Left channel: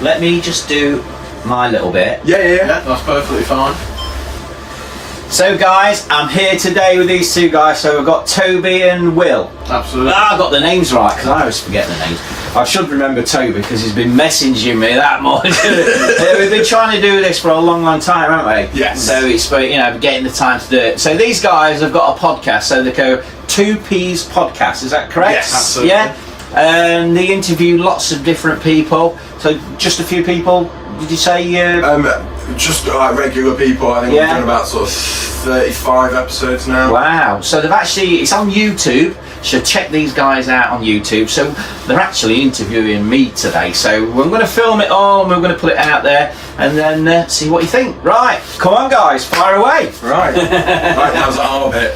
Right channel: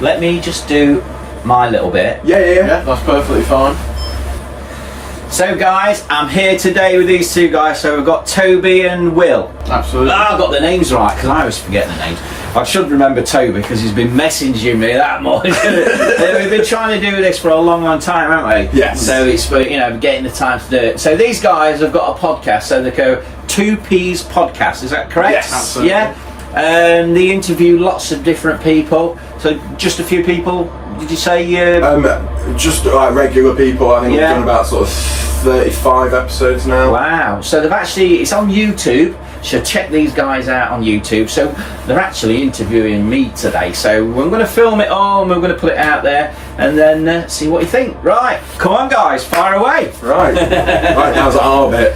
let me just do my little bit. Yeah, that's perfectly fine. So guys, I'm here today with these two guys. So we've got Toby and Will. Absolutely. I got the names right because I always forget the names. I should remember Toby because he's been messaging me that much. We've been trying to do this for a long time, haven't we? Yes. So it's getting the time to do it. So these guys have got a podcast. So they go 2P's Podcast. Is that correct? Yes, absolutely. Yeah. And they interview lots of different people. So just a few people. Did you say? Just like regular people. I think Yeah. we've done about sort of 35 episodes now. Wow. So it's on YouTube. So check these guys out on YouTube. So they're actually interviewing me today. So we're going to film it all and we're going to put it out there and then see what you think. Right. Come on, guys. Fire away. Right. Right, now's our bit.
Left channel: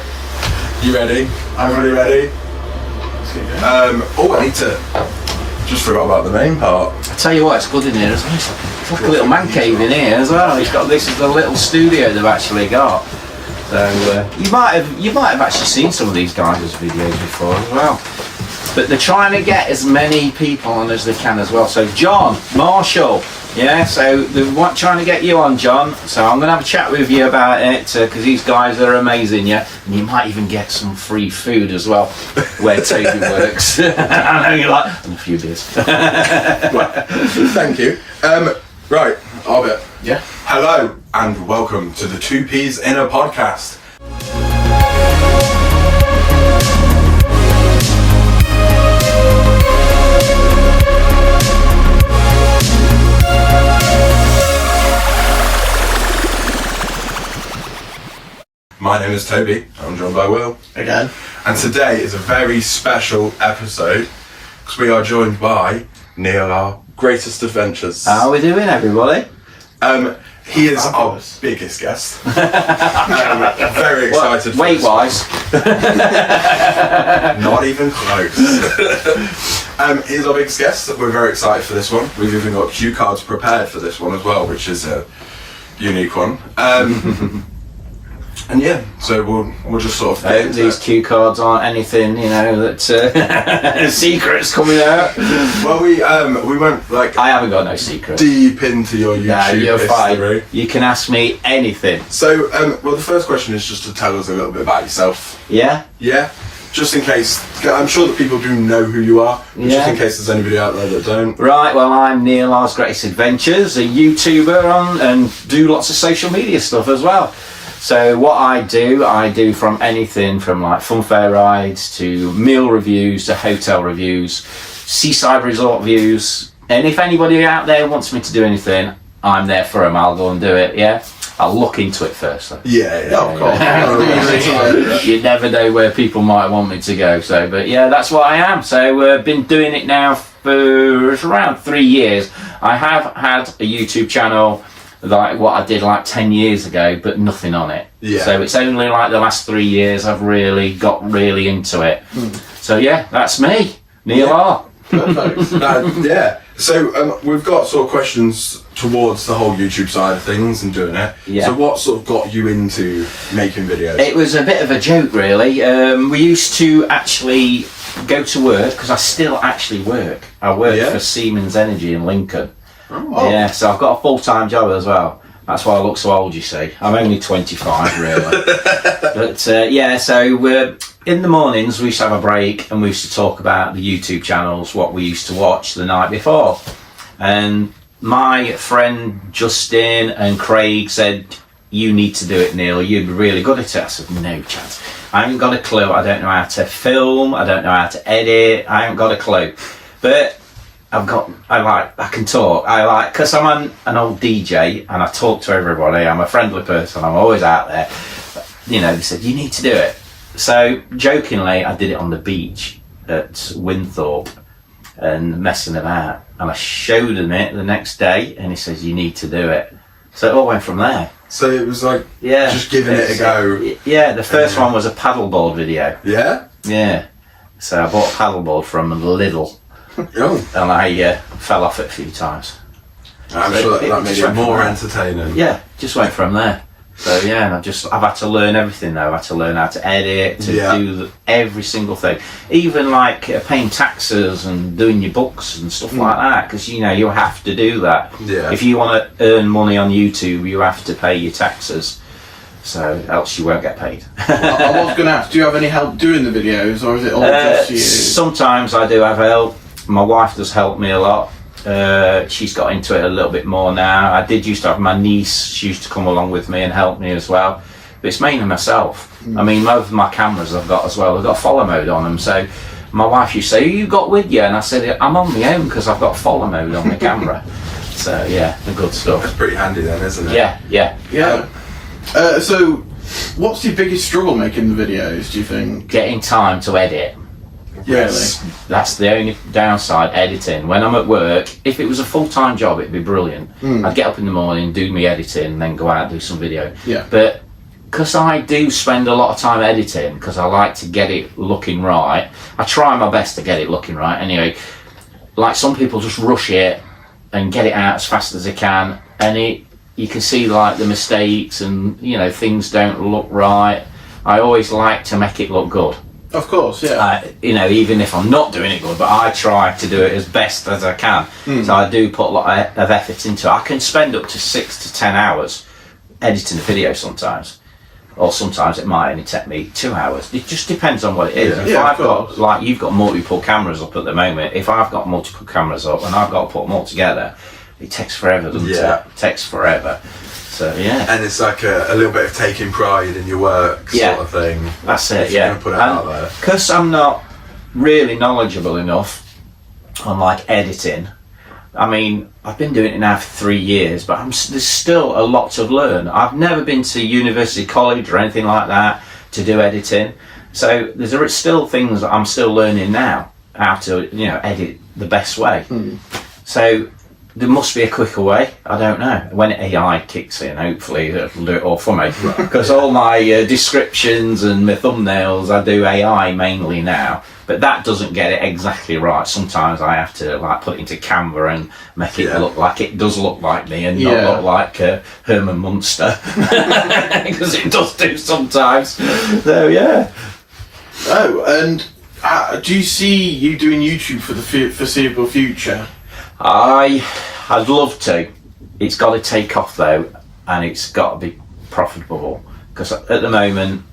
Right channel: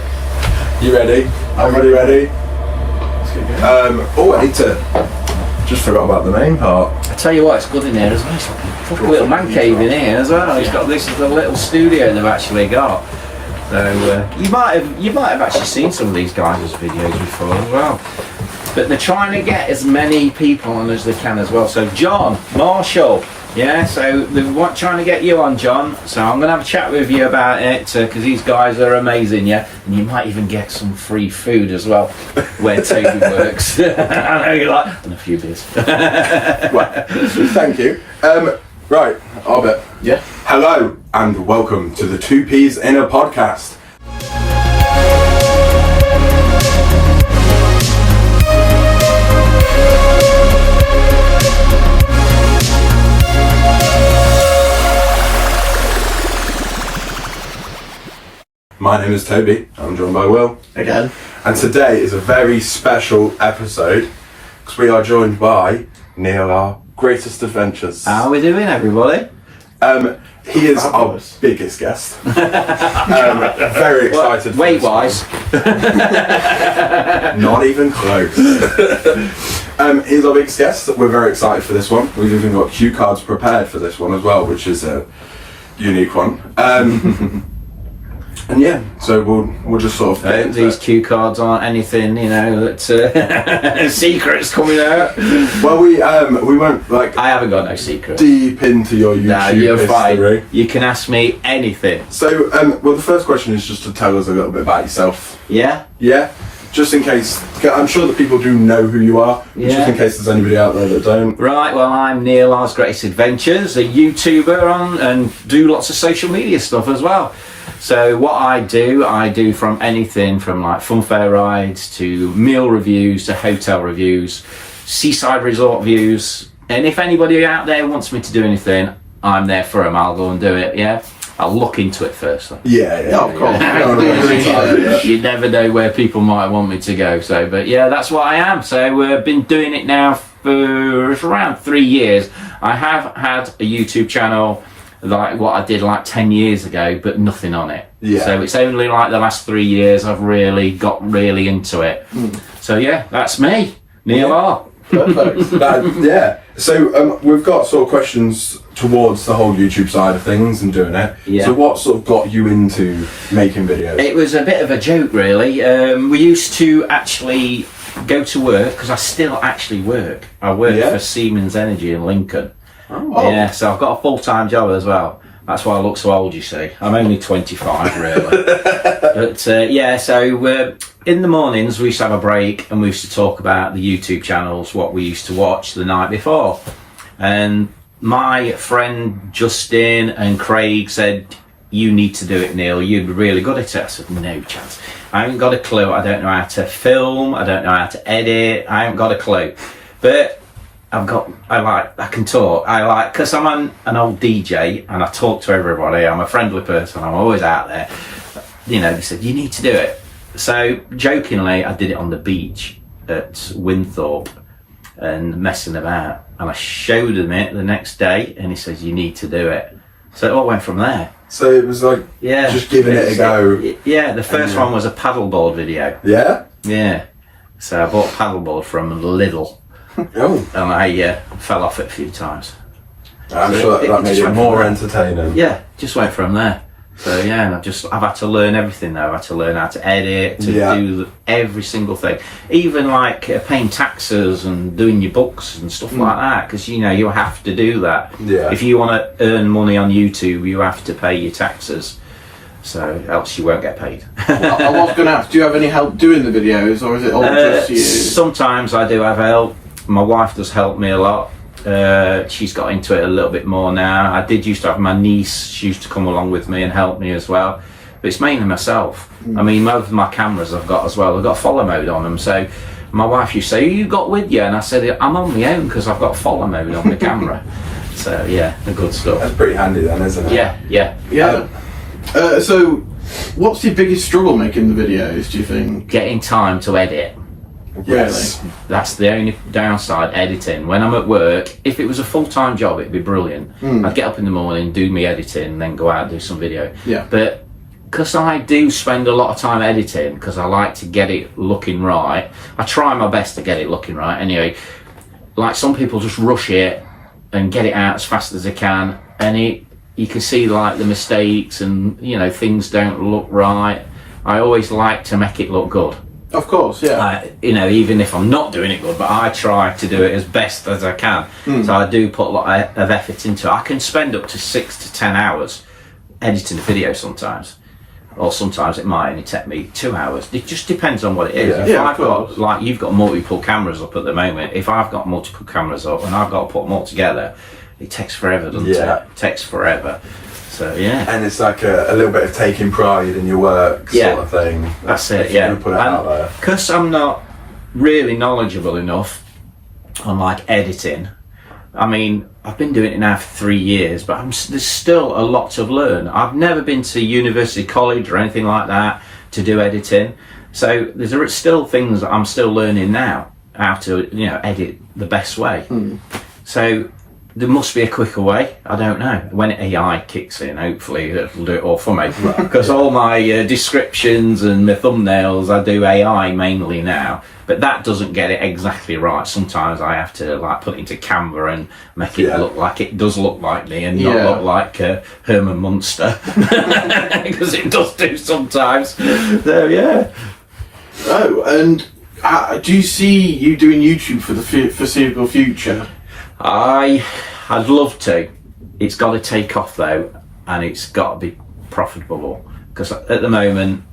You ready? Everybody ready? I need to... Just forgot about the main part. I tell you what, it's good in here as well. It's like a little man cave in here as well. It's got this is the little studio they've actually got. So you might have actually seen some of these guys' videos before as well. But they're trying to get as many people on as they can as well. So John Marshall, yeah. So they're trying to get you on, John. So I'm gonna have a chat with you about it because these guys are amazing, yeah. And you might even get some free food as well where Toby works. I know you like, and a few beers. Well, thank you. Right, our bit. Yeah. Hello and welcome to the 2P's Inner Podcast. My name is Toby, I'm joined by Will. Again. And today is a very special episode because we are joined by Neil, our greatest adventures. How are we doing, everybody? He is Fabulous. our biggest guest. Very excited. Weight wise. Not even close. He's our biggest guest. We're very excited for this one. We've even got cue cards prepared for this one as well, which is a unique one. And yeah, so we'll just sort of. Hope these cue cards aren't anything, that secrets coming out. Well, we won't like. I haven't got no secrets. Deep into your YouTube Nah, you're history. fine. You can ask me anything. So, well, the first question is just to tell us a little bit about yourself. Yeah? Yeah, just in case. I'm sure that people do know who you are. But Yeah. Just in case there's anybody out there that don't. Right, well, I'm Neil R's Greatest Adventures, a YouTuber and do lots of social media stuff as well. So what I do from anything from like funfair rides to meal reviews to hotel reviews, seaside resort views. And if anybody out there wants me to do anything, I'm there for them. I'll go and do it, yeah? I'll look into it first though. Yeah, Of course. You never know where people might want me to go. So, but yeah, that's what I am. So been doing it now for around 3 years. I have had a YouTube channel like what I did like 10 years ago, but nothing on it. Yeah. So it's only like the last 3 years I've really got really into it. So yeah, that's me, Neil R. Perfect. Yeah. So we've got sort of questions towards the whole YouTube side of things and doing it. Yeah. So what sort of got you into making videos? It was a bit of a joke, really. We used to actually go to work because I still actually work. I work Yeah. for Siemens Energy in Lincoln. Oh. Yeah, so I've got a full-time job as well. That's why I look so old, you see. I'm only 25, really. But yeah, so in the mornings we used to have a break and we used to talk about the YouTube channels, what we used to watch the night before. And my friend Justin and Craig said, you need to do it, Neil. You'd be really good at it. I said, no chance. I haven't got a clue. I don't know how to film. I don't know how to edit. I haven't got a clue. But I can talk. Because I'm an old DJ and I talk to everybody. I'm a friendly person. I'm always out there. They said, you need to do it. So jokingly, I did it on the beach at Winthorpe and messing about. And I showed him it the next day and he says, you need to do it. So it all went from there. So it was like just giving it a go. Yeah, the first one was a paddleboard video. Yeah? Yeah. So I bought a paddleboard from Lidl. Oh. And I fell off it a few times. I'm So sure that made just it went more from there. entertaining. Yeah, just went from there. So yeah, and I've had to learn everything though. I've had to learn how to edit, to do every single thing, even like paying taxes and doing your books and stuff like that. Because you have to do that. Yeah. If you want to earn money on YouTube, you have to pay your taxes. So else you won't get paid. I was going to ask, do you have any help doing the videos, or is it all just you? Sometimes I do have help. My wife does help me a lot. She's got into it a little bit more now. I did used to have my niece. She used to come along with me and help me as well. But it's mainly myself. I mean, most of my cameras I've got as well, I've got follow mode on them. So my wife used to say, "Who you got with you?" And I said, "I'm on my own because I've got follow mode on my camera." So yeah, the good stuff. That's pretty handy then, isn't it? Yeah. So, what's your biggest struggle making the videos, do you think? Getting time to edit. Yes. That's the only downside, editing. When I'm at work, if it was a full-time job, it'd be brilliant. I'd get up in the morning, do me editing, and then go out and do some video. Yeah. But because I do spend a lot of time editing, because I like to get it looking right, I try my best to get it looking right. Anyway, like some people just rush it and get it out as fast as they can, and you can see like the mistakes and things don't look right. I always like to make it look good. Of course, yeah. Even if I'm not doing it good, but I try to do it as best as I can. So I do put a lot of effort into it. I can spend up to 6 to 10 hours editing a video sometimes, or sometimes it might only take me 2 hours. It just depends on what it is. If I've got, like you've got multiple cameras up at the moment, if I've got multiple cameras up and I've got to put them all together, it takes forever, doesn't it? It takes forever. So yeah. And it's like a little bit of taking pride in your work sort of thing. That's it, if you can put it out there. Because I'm not really knowledgeable enough on like editing. I mean, I've been doing it now for 3 years, but there's still a lot to learn. I've never been to university, college or anything like that to do editing. So there's still things that I'm still learning now, how to edit the best way. So there must be a quicker way. I don't know. When AI kicks in, hopefully it'll do it all for me. Because all my descriptions and my thumbnails, I do AI mainly now. But that doesn't get it exactly right. Sometimes I have to like put it into Canva and make it look like it does look like me and not look like Herman Munster. Because it does do sometimes. So yeah. Oh, and do you see you doing YouTube for the foreseeable future? I'd love to. It's got to take off though, and it's got to be profitable. Because at the moment,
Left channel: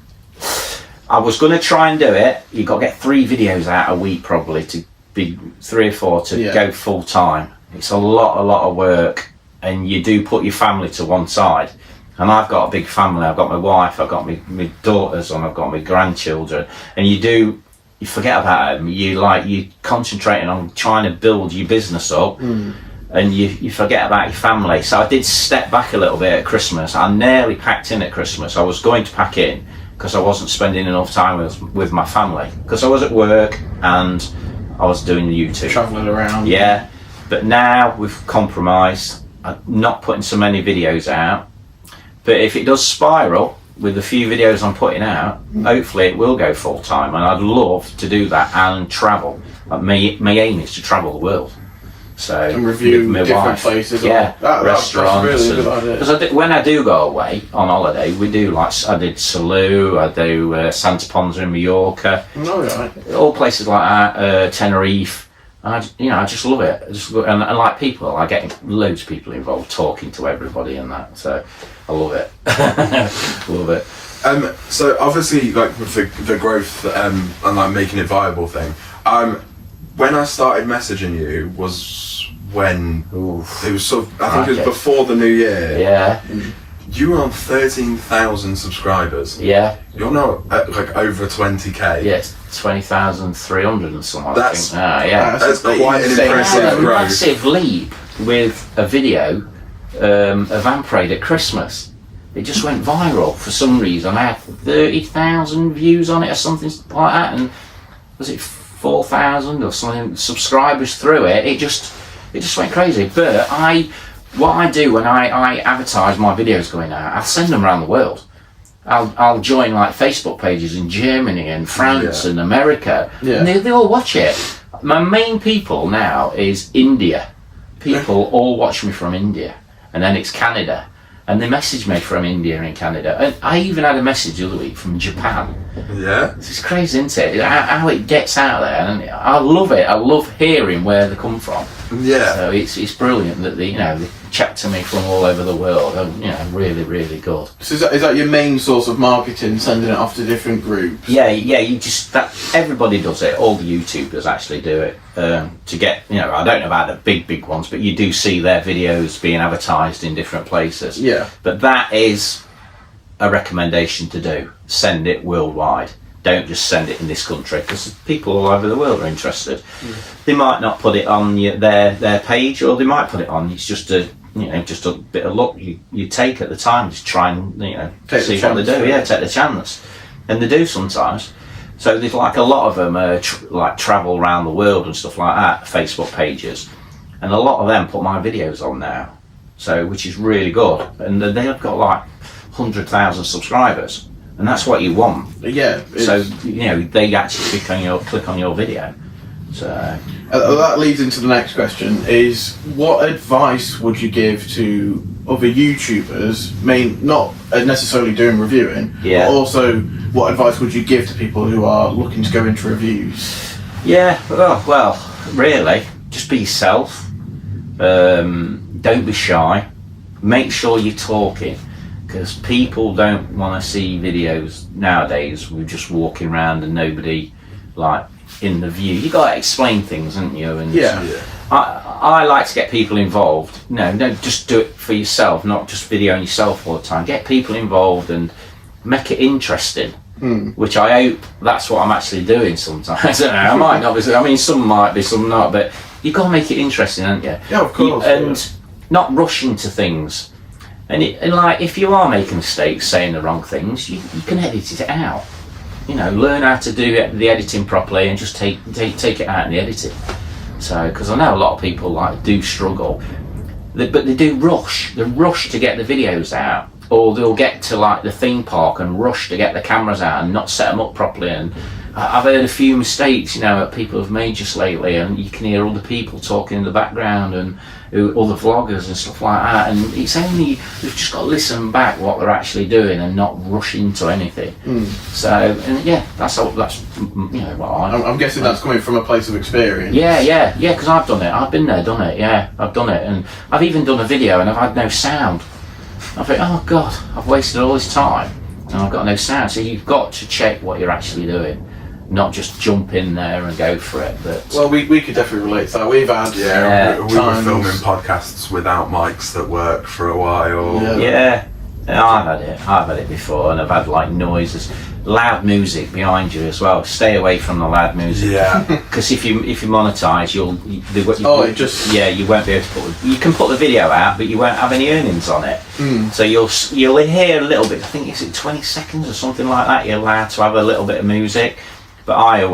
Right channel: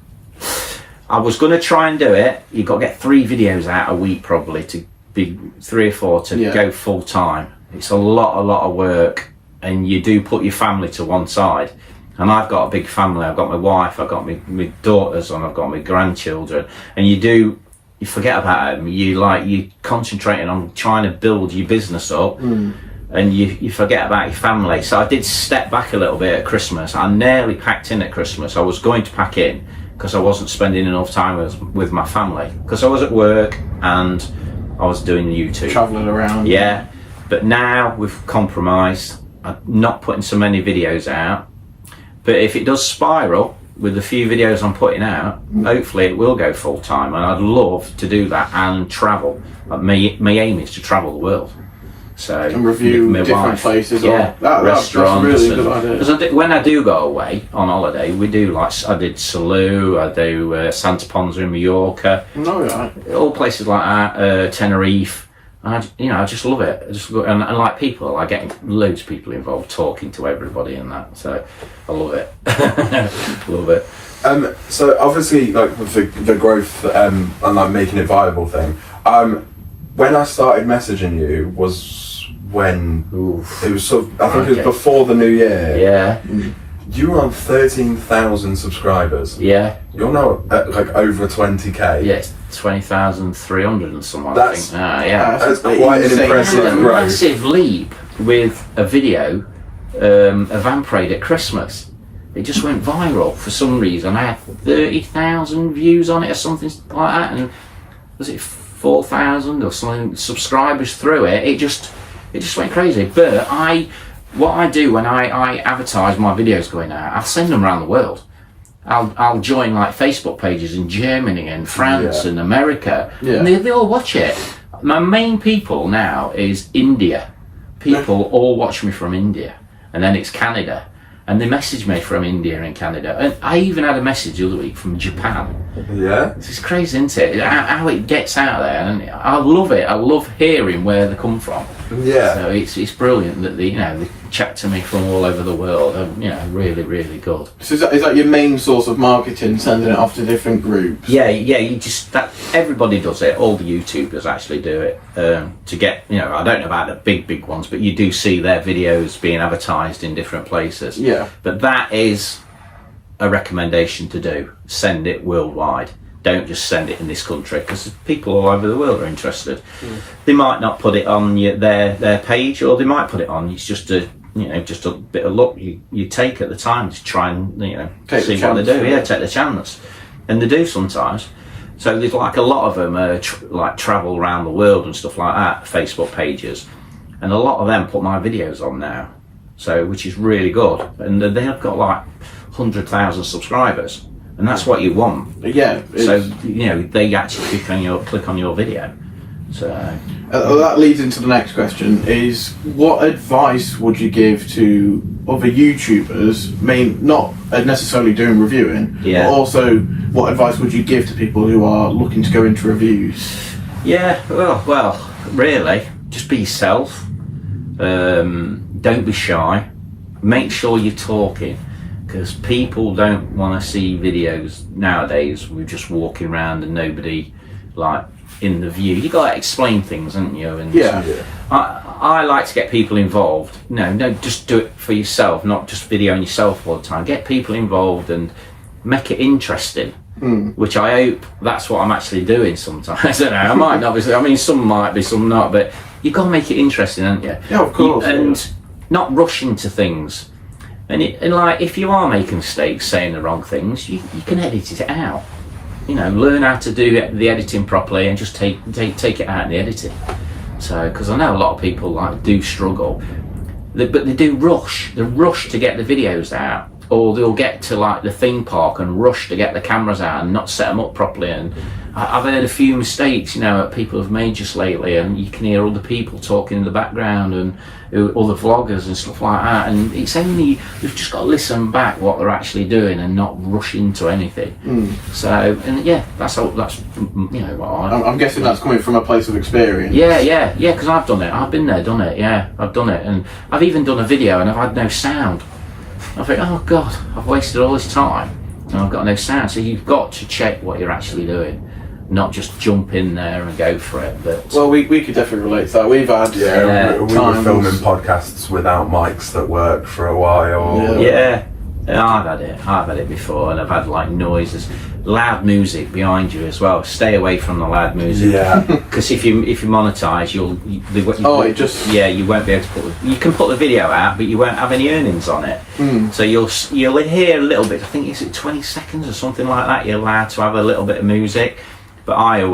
I was going to try and do it. You've got to get 3 videos out a week probably to be 3 or 4 to go full time. It's a lot of work, and you do put your family to one side. And I've got a big family. I've got my wife, I've got my daughters, and I've got my grandchildren. And you forget about them. You're concentrating on trying to build your business up, and you forget about your family. So I did step back a little bit at Christmas. I nearly packed in at Christmas. I was going to pack in because I wasn't spending enough time with my family, because I was at work and I was doing the YouTube. Travelling around. Yeah, but now we've compromised. I'm not putting so many videos out, but if it does spiral with the few videos I'm putting out, hopefully it will go full time, and I'd love to do that and travel. My aim is to travel the world. So and review my different wife, places, restaurants. That's really a good idea. When I do go away on holiday, we do I did Salou, I do Santa Ponza in Mallorca, all places like that, Tenerife. I just love it. And like people, I get loads of people involved, talking to everybody and that. So I love it. Love it. So obviously, like with the growth and like making it viable thing. When I started messaging you was when it was sort of, I think it was before the new year. Yeah. You were on 13,000 subscribers. Yeah. You're now at like over 20k. Yeah, it's 20,300 and something. I think. Yeah. That's quite an impressive a growth. massive leap with a video of Vamparade at Christmas. It just went viral for some reason. I had 30,000 views on it or something like that, and was it 4,000 or something subscribers through it. It just went crazy. But what I do when I advertise my videos going out, I send them around the world. I'll join like Facebook pages in Germany and France and America, and they all watch it. My main people now is India. People all watch me from India, and then it's Canada, And they messaged me from India and Canada, and I even had a message the other week from Japan. Yeah. It's crazy, isn't it? How it gets out there, and I love it. I love hearing where they come from. Yeah. So it's brilliant that they chat to me from all over the world. Really, really good. So is that your main source of marketing, sending it off to different groups? Yeah. Everybody does it. All the YouTubers actually do it to get. I don't know about the big ones, but you do see their videos being advertised in different places. Yeah. But that is a recommendation to do. Send it worldwide. Don't just send it in this country, because people all over the world are interested. They might not put it on their page, or they might put it on. It's just a bit of luck you take at the time to try and see what they do. Yeah, take the chance, and they do sometimes. So there's like a lot of them like travel around the world and stuff like that. Facebook pages, and a lot of them put my videos on now. So which is really good, and they've got like 100,000 subscribers. And that's what you want. Yeah. So they actually click on your video. So that leads into the next question: is what advice would you give to other YouTubers? Not necessarily doing reviewing, Yeah. but also what advice would you give to people who are looking to go into reviews? yeah, well, really, just be yourself. Don't be shy. Make sure you're talking. Because people don't want to see videos nowadays with just walking around and nobody like in the view. You got to explain things, haven't you? And Yeah. I like to get people involved. No, just do it for yourself, not just videoing yourself all the time. Get people involved and make it interesting. Which I hope that's what I'm actually doing sometimes. I don't know. I might not be. I mean, some might be, some not. But you've got to make it interesting, haven't you? Yeah, of course. Not rush into things. And like, if you are making mistakes, saying the wrong things, you can edit it out. Learn how to do the editing properly, and just take it out in the editing. So, because I know a lot of people do struggle, but they do rush. They rush to get the videos out, or they'll get to the theme park and rush to get the cameras out and not set them up properly. And I've heard a few mistakes, that people have made just lately, and you can hear other people talking in the background and other vloggers and stuff like that. And it's only we've just got to listen back what they're actually doing and not rush into anything. So, and yeah, that's what I'm guessing that's coming from a place of experience. Yeah, because I've done it. I've been there, done it. Yeah, I've done it, and I've even done a video and I've had no sound. I think, oh God, I've wasted all this time and I've got no sound. So you've got to check what you're actually doing, not just jump in there and go for it. But well, we could definitely relate to that. We've had we were times- filming podcasts without mics that work for a while. yeah, I've had it before, and I've had noises, loud music behind you as well. Stay away from the loud music. Yeah. Because if you monetize, you won't be able to put. You can put the video out, but you won't have any earnings on it. So you'll hear a little bit. I think is it 20 seconds or something like that. You're allowed to have a little bit of music, but I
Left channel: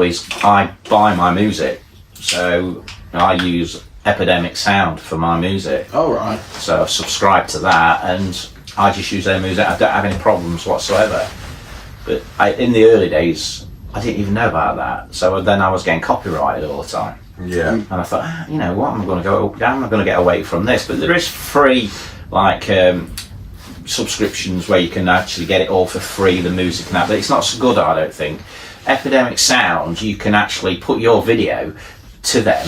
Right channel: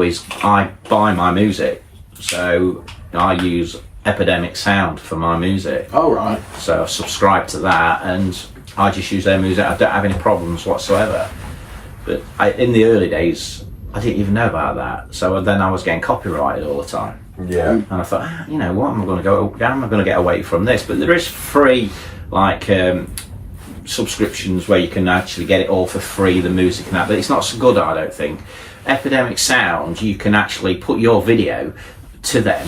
buy my music, so I use Epidemic Sound for my music. Oh right. So I've subscribed to that, and I just use their music. I don't have any problems whatsoever. But in the early days, I didn't even know about that. So then I was getting copyrighted all the time. Yeah. And I thought, what am I going to get away from this? But there is free, subscriptions where you can actually get it all for free, the music and that. But it's not so good, I don't think. Epidemic Sound, you can actually put your video to them,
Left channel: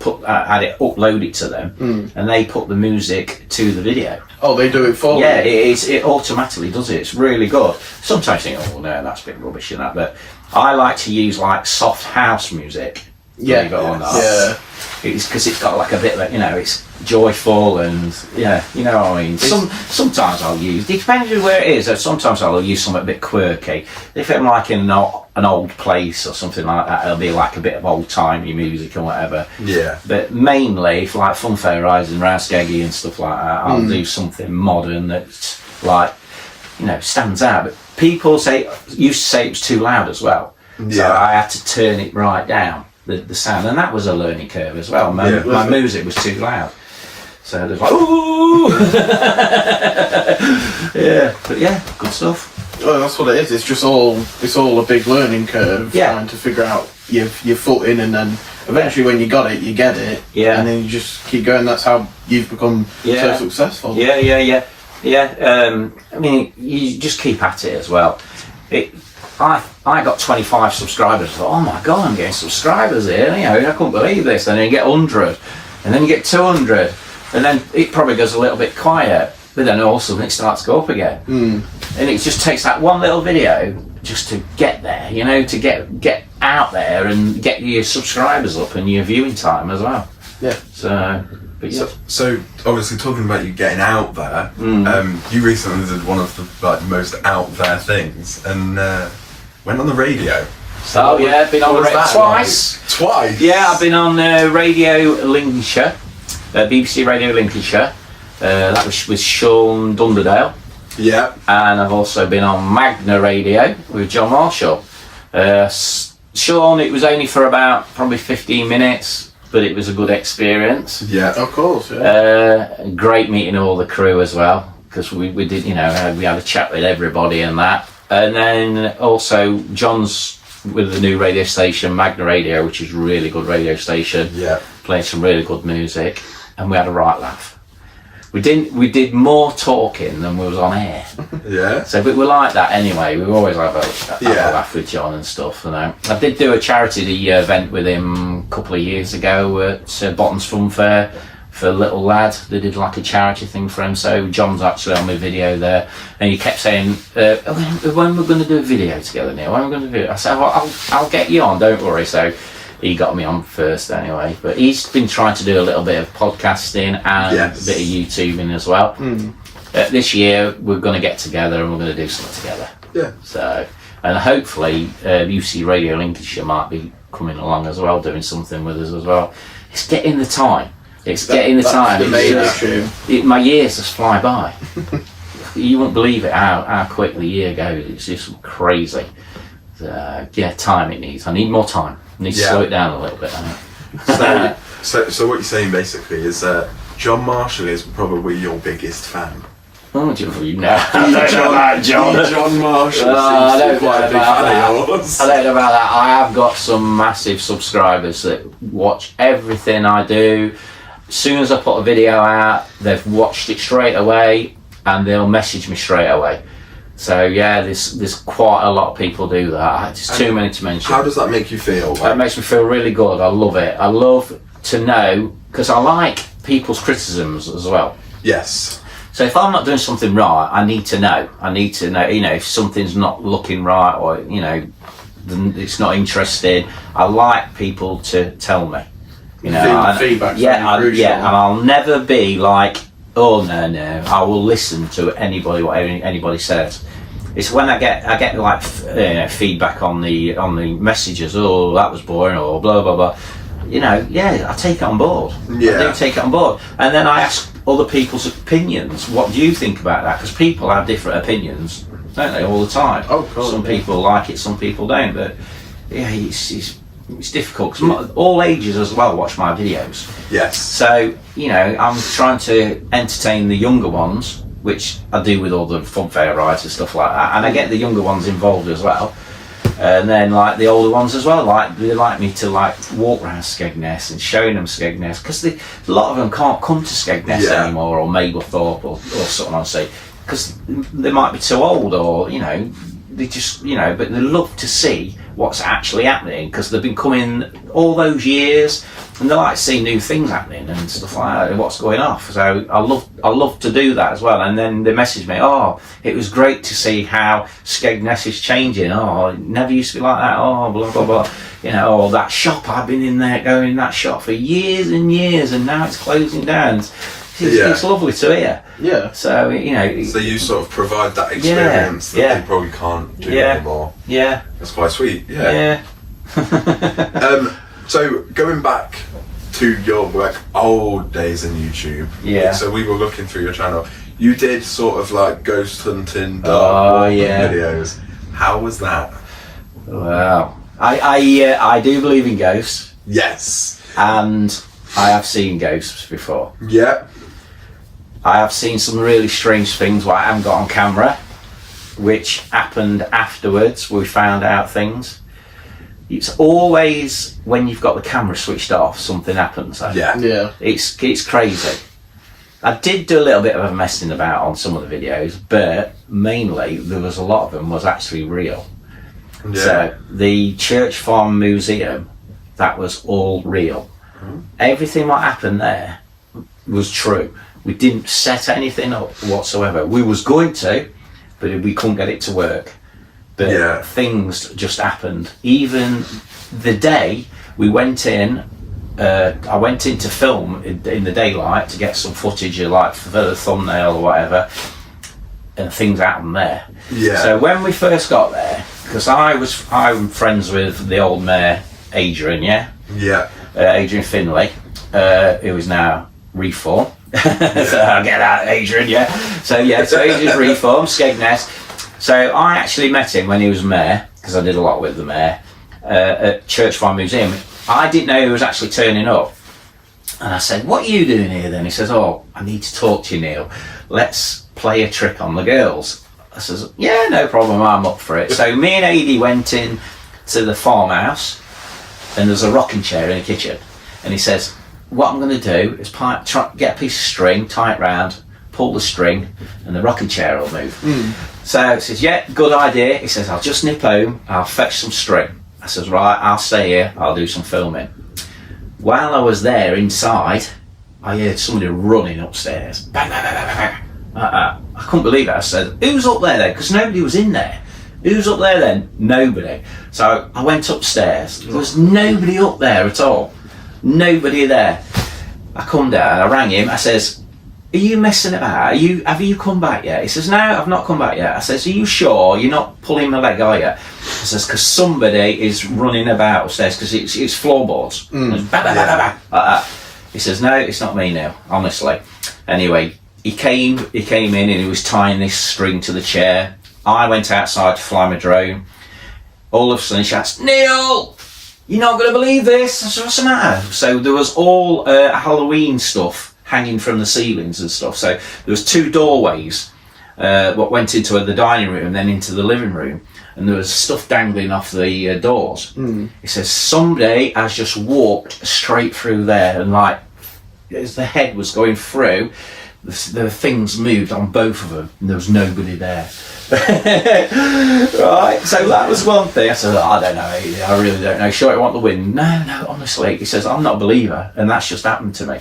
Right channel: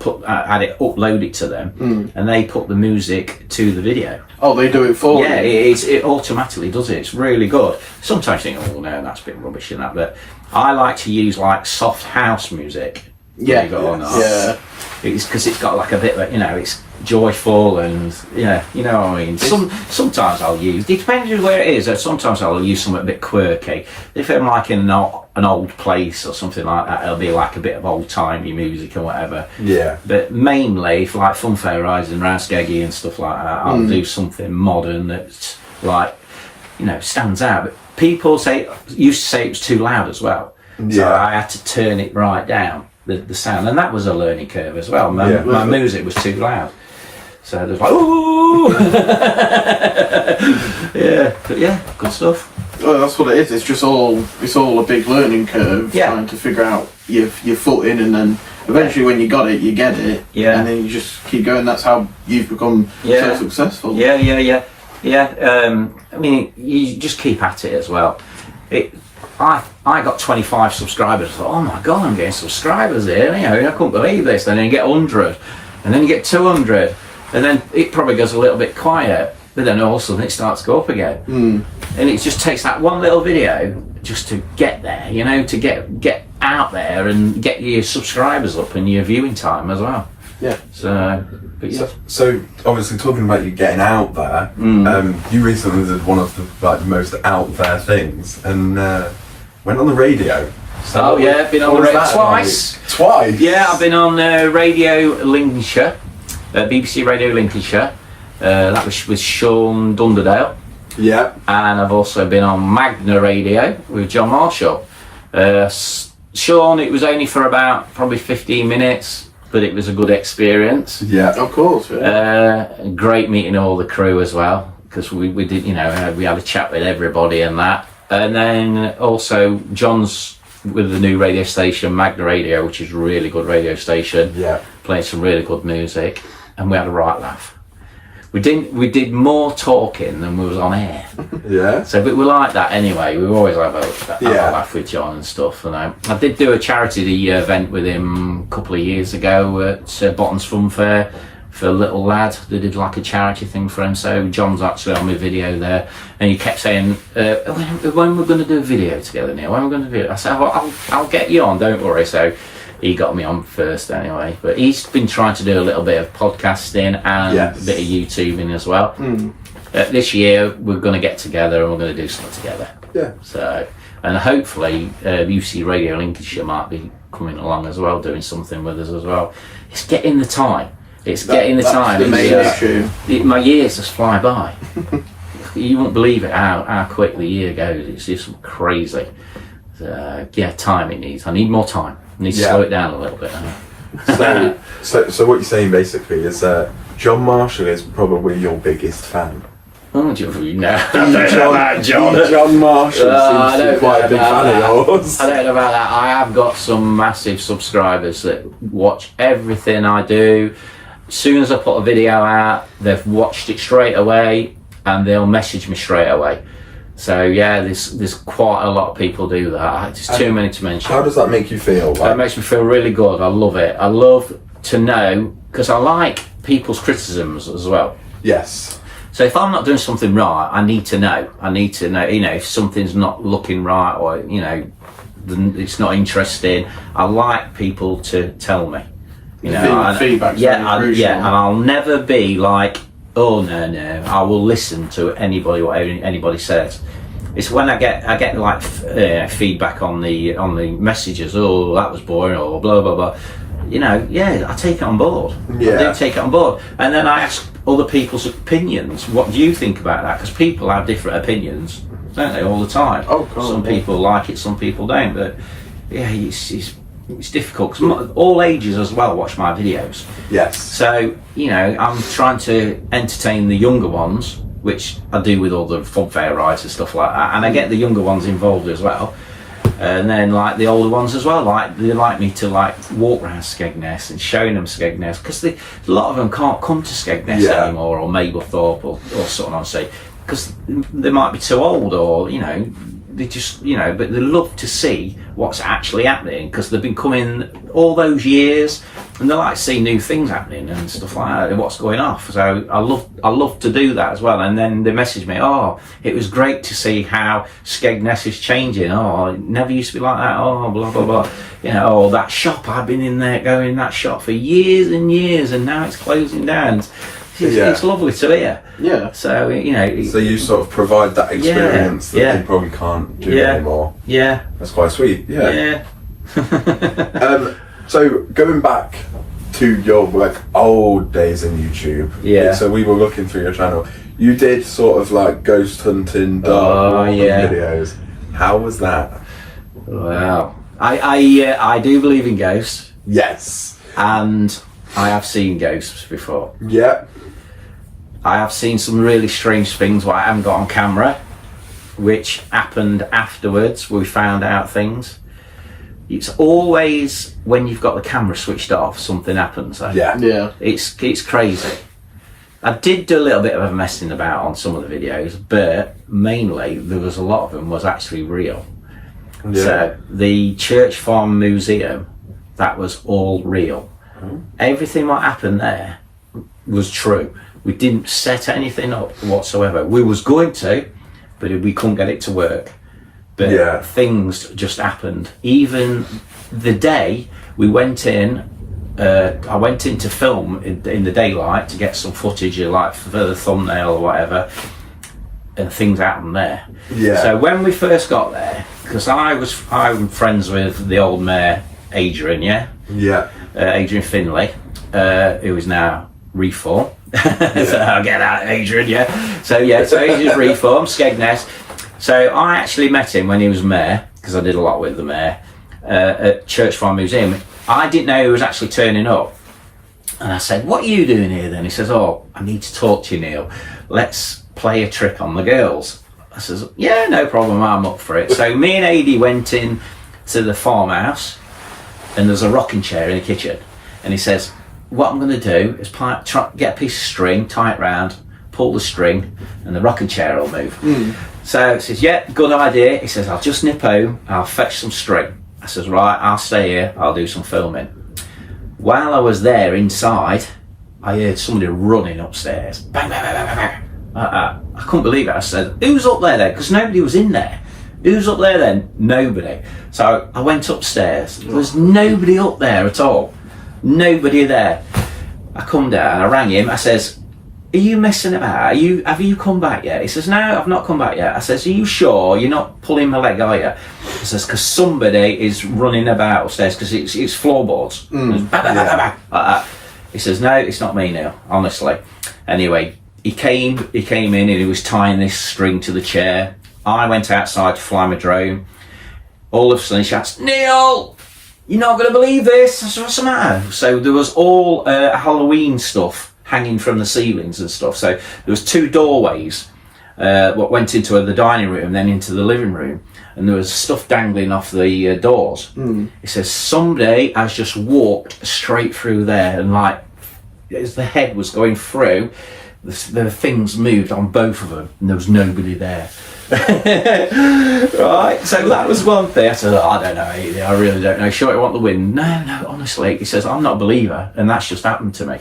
upload it to them, and they put the music to the video. Oh, they do it for you? Yeah, it automatically does it. It's really good. Sometimes you think, oh no, that's a bit rubbish and that, but I like to use soft house music. Yeah, believe it or not. yeah. It's because it's got a bit of it's joyful and you know what I mean. Sometimes I'll use. It depends on where it is. Sometimes I'll use something a bit quirky. If I'm in an old place or something like that, it'll be a bit of old timey music or whatever. Yeah. But mainly, if Funfair Rides and Rausgaggy and stuff like that, I'll do something modern that's stands out. But people used to say it was too loud as well. So Yeah. I had to turn it right down. The sound, and that was a learning curve as well. My music was too loud, so there's ooh. Good stuff. Well, that's what it is. It's just it's all a big learning curve. Yeah. Trying to figure out your footing, and then eventually when you got it, you get it. Yeah. And then you just keep going. That's how you've become so successful. Yeah. Yeah, I mean, you just keep at it as well. I got 25 subscribers. I thought, oh my god, I'm getting subscribers here. You know, I couldn't believe this. And then you get 100, and then you get 200, and then it probably goes a little bit quiet. But then all of a sudden it starts to go up again. And it just takes that one little video just to get there. You know, to get out there and get your subscribers up and your viewing time as well. Yeah. So. But yeah. So obviously talking about you getting out there, you recently did one of the most out there things and went on the radio. So I've been on the radio twice. Like, twice? Yeah, I've been on Radio Lincolnshire, BBC Radio Lincolnshire. That was with Sean Dunderdale. Yeah. And I've also been on Magna Radio with John Marshall. Sean, it was only for about probably 15 minutes. But it was a good experience. Yeah, of course. Yeah. Great meeting all the crew as well, because we did, you know, we had a chat with everybody and that. And then also John's with the new radio station, Magna Radio, which is a really good radio station. Yeah. Playing some really good music, and we had a right laugh. We did more talking than we was on air. Yeah. So, but we like that anyway. We always have a laugh with John and stuff. You know, I did do a charity event with him a couple of years ago at Botton's Fun Fair for a little lad. They did like a charity thing for him. So John's actually on my video there, and he kept saying, "When we're going to do a video together, Neil? When we're going to do it?" I said, "I'll get you on. Don't worry." So he got me on first anyway, but he's been trying to do a little bit of podcasting and a bit of YouTubing as well. This year we're going to get together and we're going to do something together. Yeah. So, and hopefully UC Radio Lincolnshire might be coming along as well, doing something with us as well. It's getting the time. My years just fly by. You won't believe it how quick the year goes. It's just crazy. Time it needs. I need more time. I need to slow it down a little bit. So what you're saying basically is that John Marshall is probably your biggest fan. Oh, you know. I don't know about John. John Marshall seems to be quite a big fan of yours. I don't know about that. I have got some massive subscribers that watch everything I do. As soon as I put a video out, they've watched it straight away and they'll message me straight away. So yeah, there's quite a lot of people do that. It's too many to mention. How does that make you feel? That makes me feel really good. I love it. I love to know, because I like people's criticisms as well. Yes. So if I'm not doing something right, I need to know. You know, if something's not looking right, or you know, it's not interesting. I like people to tell me. You know, feedback. And I'll never be like, oh no, I will listen to anybody, whatever anybody says. It's when I get like feedback on the messages. Oh, that was boring, or blah blah blah. You know, I take it on board. Yeah. I do take it on board, and then I ask other people's opinions. What do you think about that? Because people have different opinions, don't they, all the time? Oh, cool. Some people like it, some people don't. But yeah, it's difficult because all ages as well watch my videos. Yes. So, you know, I'm trying to entertain the younger ones, which I do with all the fun fair rides and stuff like that, and I get the younger ones involved as well. And then like the older ones as well, like they like me to like walk around Skegness and showing them Skegness, because a lot of them can't come to Skegness anymore, or Mablethorpe or something, I'll say, because they might be too old, or you know, they just, you know, but they love to see what's actually happening, because they've been coming all those years and they like to see new things happening and stuff like that, and what's going off. So I love to do that as well. And then they message me, oh, it was great to see how Skegness is changing. Oh, it never used to be like that. Oh, blah blah blah. You know, or that shop, I've been going in that shop for years and years, and now it's closing down. It's lovely to hear. Yeah. So, you know. So you sort of provide that experience that they probably can't do anymore. Yeah. That's quite sweet. Yeah. So going back to your like old days in YouTube. Yeah. So we were looking through your channel. You did sort of like ghost hunting, dark videos. How was that? Wow. I do believe in ghosts. Yes. And I have seen ghosts before. Yeah. I have seen some really strange things what I haven't got on camera, which happened afterwards. We found out things. It's always when you've got the camera switched off, something happens. Yeah. It's crazy. I did do a little bit of messing about on some of the videos, but mainly there was a lot of them was actually real. Yeah. So the Church Farm Museum, that was all real. Everything that happened there was true. We didn't set anything up whatsoever. We was going to, but we couldn't get it to work. But things just happened. Even the day we went in, I went in to film in the daylight to get some footage of like for the thumbnail or whatever, and things happened there. Yeah. So when we first got there, because I'm friends with the old mayor Adrian, Adrian Finlay, who is now Reform. So I'll get that, Adrian, So Adrian's Reform, Skegness. So I actually met him when he was mayor, because I did a lot with the mayor, at Church Farm Museum. I didn't know he was actually turning up. And I said, what are you doing here then? He says, oh, I need to talk to you, Neil. Let's play a trick on the girls. I says, yeah, no problem, I'm up for it. So me and Adi went in to the farmhouse, and there's a rocking chair in the kitchen. And he says, what I'm going to do is get a piece of string, tie it round, pull the string, and the rocking chair will move. So he says, yeah, good idea. He says, I'll just nip home, I'll fetch some string. I says, right, I'll stay here, I'll do some filming. While I was there inside, I heard somebody running upstairs. Bang, bang, bang, bang, bang. I couldn't believe it. I said, who's up there then? Because nobody was in there. Who's up there then? Nobody. So I went upstairs. There was nobody up there at all. Nobody there. I come down, I rang him, I says, are you messing about? Have you come back yet? He says, no, I've not come back yet. I says, are you sure you're not pulling my leg, are you? I says, because somebody is running about upstairs, because it's floorboards. Bang, bang, bang, bang, like that. He says, no, it's not me now, honestly. Anyway, he came in and he was tying this string to the chair. I went outside to fly my drone. All of a sudden he shouts, Neil, you're not going to believe this. I said, what's the matter? So there was all Halloween stuff hanging from the ceilings and stuff. So there was 2 doorways what went into the dining room and then into the living room, and there was stuff dangling off the doors. He says somebody has just walked straight through there, and like as the head was going through, the things moved on both of them, and there was nobody there. Right, so that was one thing. I said, I don't know, I really don't know. Sure, I want the win. No, honestly. He says, I'm not a believer, and that's just happened to me.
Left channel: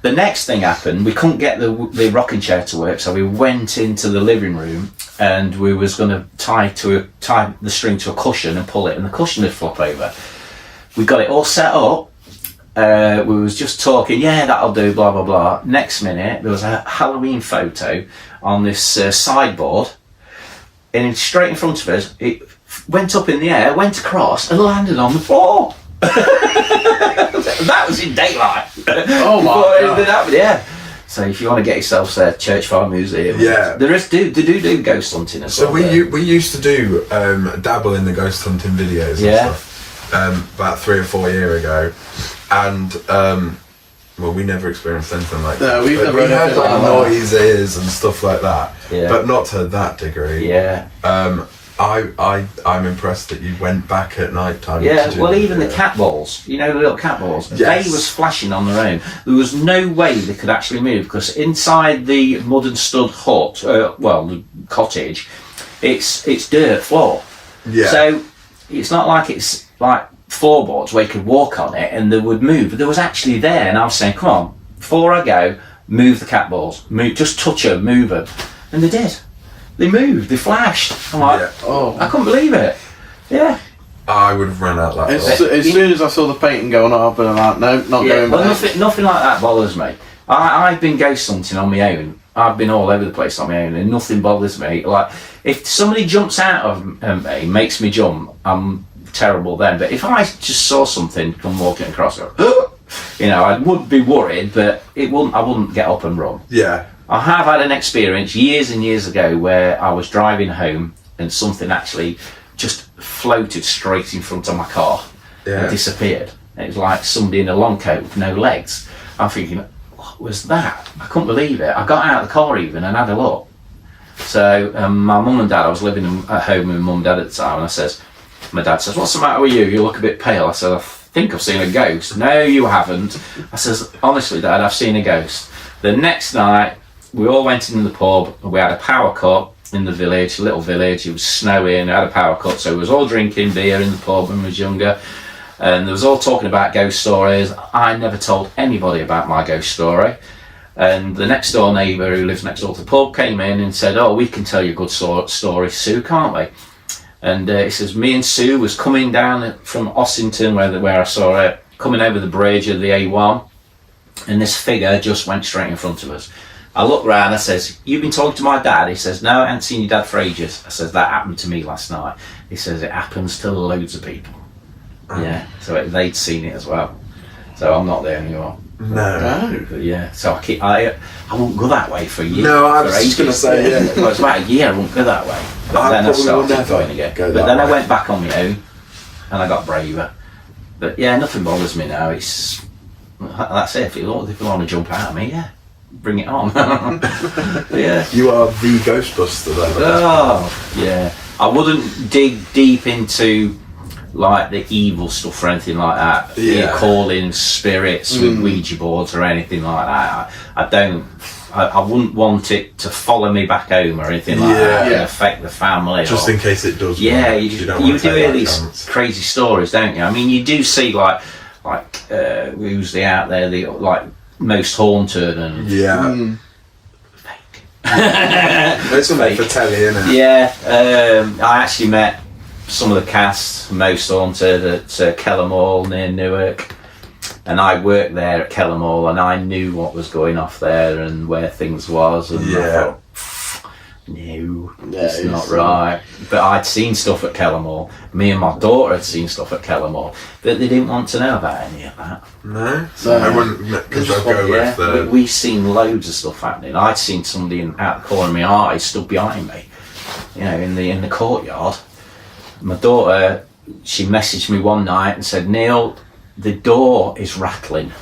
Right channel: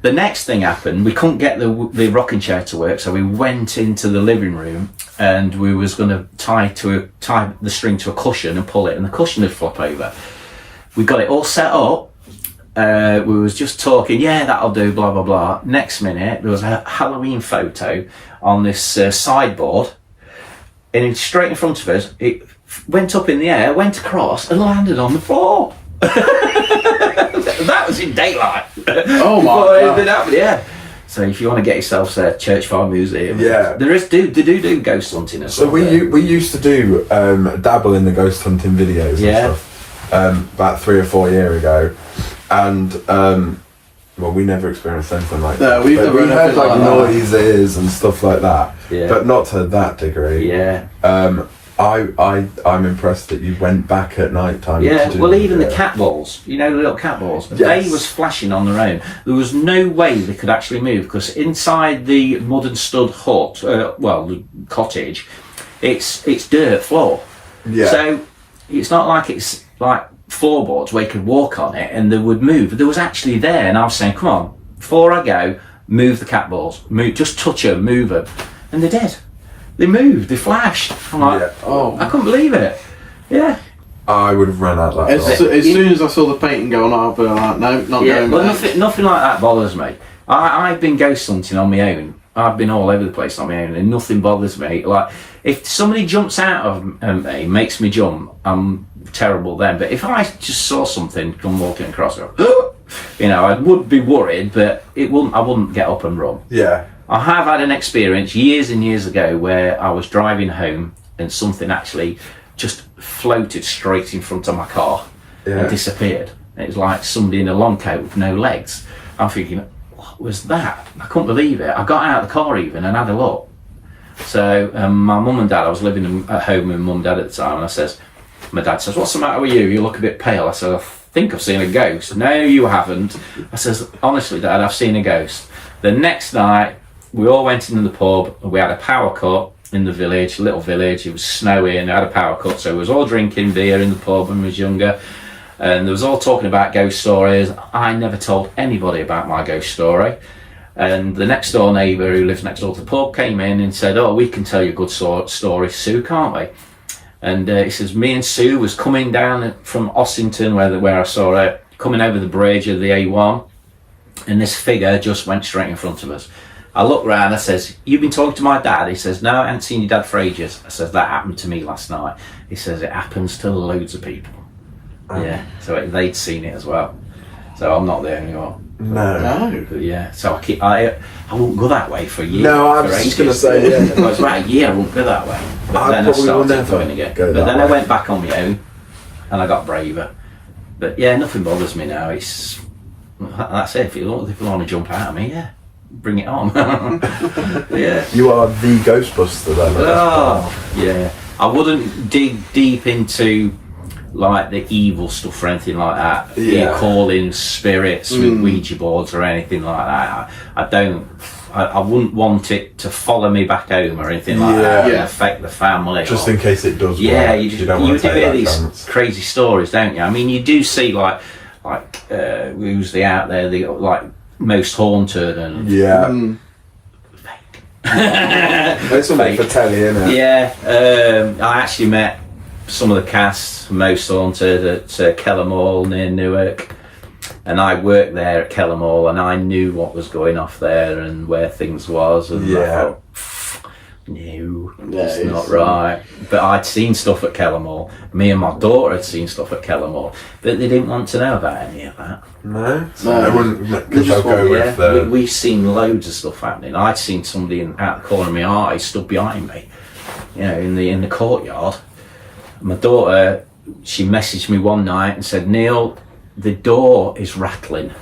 The next thing happened, we couldn't get the rocking chair to work, so we went into the living room and we was going to tie the string to a cushion and pull it, and the cushion would flop over. We got it all set up. We was just talking, yeah, that'll do, blah, blah, blah. Next minute, there was a Halloween photo on this sideboard, and straight in front of us, it went up in the air, went across, and landed on the floor. That was in daylight. Oh my God. Happened, yeah. So if you want to get yourself to Church Farm Museum, they do ghost hunting as well. So we used to do dabble in the ghost hunting videos and stuff about 3 or 4 years ago, and well, we never experienced anything like that. We heard like noises and stuff like that, but not to that degree. I'm impressed that you went back at night time. Well, even the cat balls, the little cat balls, they was flashing on their own. There was no way they could actually move, because inside the mud and stud hut, the cottage, it's dirt floor. So it's not like it's like floorboards where you could walk on it and they would move. But there was actually there, and I was saying, come on, before I go, move the cat balls, just touch them, move them, and they did. They moved, they flashed. I'm like, I couldn't believe it. Yeah. I would have ran out that as soon as I saw the painting going on, I've been like, no, not going well, back. Nothing like that bothers me. I've been ghost hunting on my own. I've been all over the place on my own, and nothing bothers me. Like, if somebody jumps out of me, makes me jump, I'm terrible then. But if I just saw something come walking across, I would be worried, but I wouldn't get up and run. Yeah. I have had an experience years and years ago where I was driving home and something actually just floated straight in front of my car and disappeared. It was like somebody in a long coat with no legs. I'm thinking, what was that? I couldn't believe it. I got out of the car even and had a look. So my mum and dad, I was living at home with mum and dad at the time, and my dad says, what's the matter with you? You look a bit pale. I said, I think I've seen a ghost. No, you haven't. I says, honestly, Dad, I've seen a ghost. The next night, we all went into the pub and we had a power cut in the village, little village. It was snowing, we had a power cut, so we was all drinking beer in the pub when we was younger. And they was all talking about ghost stories. I never told anybody about my ghost story. And the next door neighbour who lives next door to the pub came in and said, "Oh, we can tell you a good story, Sue, can't we?" And he says, me and Sue was coming down from Ossington, where I saw her, coming over the bridge of the A1, and this figure just went straight in front of us. I looked round, I says, "You've been talking to my dad?" He says, "No, I haven't seen your dad for ages." I says, "That happened to me last night." He says, "It happens to loads of people." Yeah, so they'd seen it as well. So I'm not there anymore. No. But yeah, so I won't go that way for a year. No, I was just going to say, yeah. Well, it's about a year I won't go that way. But I then I probably will started never going again. go But that then I way. went back on my own and I got braver. But yeah, nothing bothers me now. It's that's it. If you want to jump out at me, yeah, bring it on. Yeah. You are the Ghostbuster then. Oh, yeah. I wouldn't dig deep into like the evil stuff or anything like that. Yeah. You calling spirits with Ouija boards or anything like that. I wouldn't want it to follow me back home or anything like that and Yeah. affect the family. Just or, in case it does. yeah, work. you don't wanna do take hear that these chance. crazy stories, don't you? I mean, you do see like who's the out there, the like most haunted and Yeah. fake. It's something for telly, isn't it? Yeah, I actually met some of the cast, most haunted, at Kellermall near Newark, and I worked there at Kellermall, and I knew what was going off there and where things was, and I Yeah. thought, no, it's it's, not right. But I'd seen stuff at Kellermall. Me and my daughter had seen stuff at Kellermall, but they didn't want to know about any of that. No? No. I wouldn't, because I'll go Yeah, with the... we've seen loads of stuff happening. I'd seen somebody out the corner of my eye stood behind me, you know, in the courtyard. My daughter, she messaged me one night and said, "Neil, the door is rattling,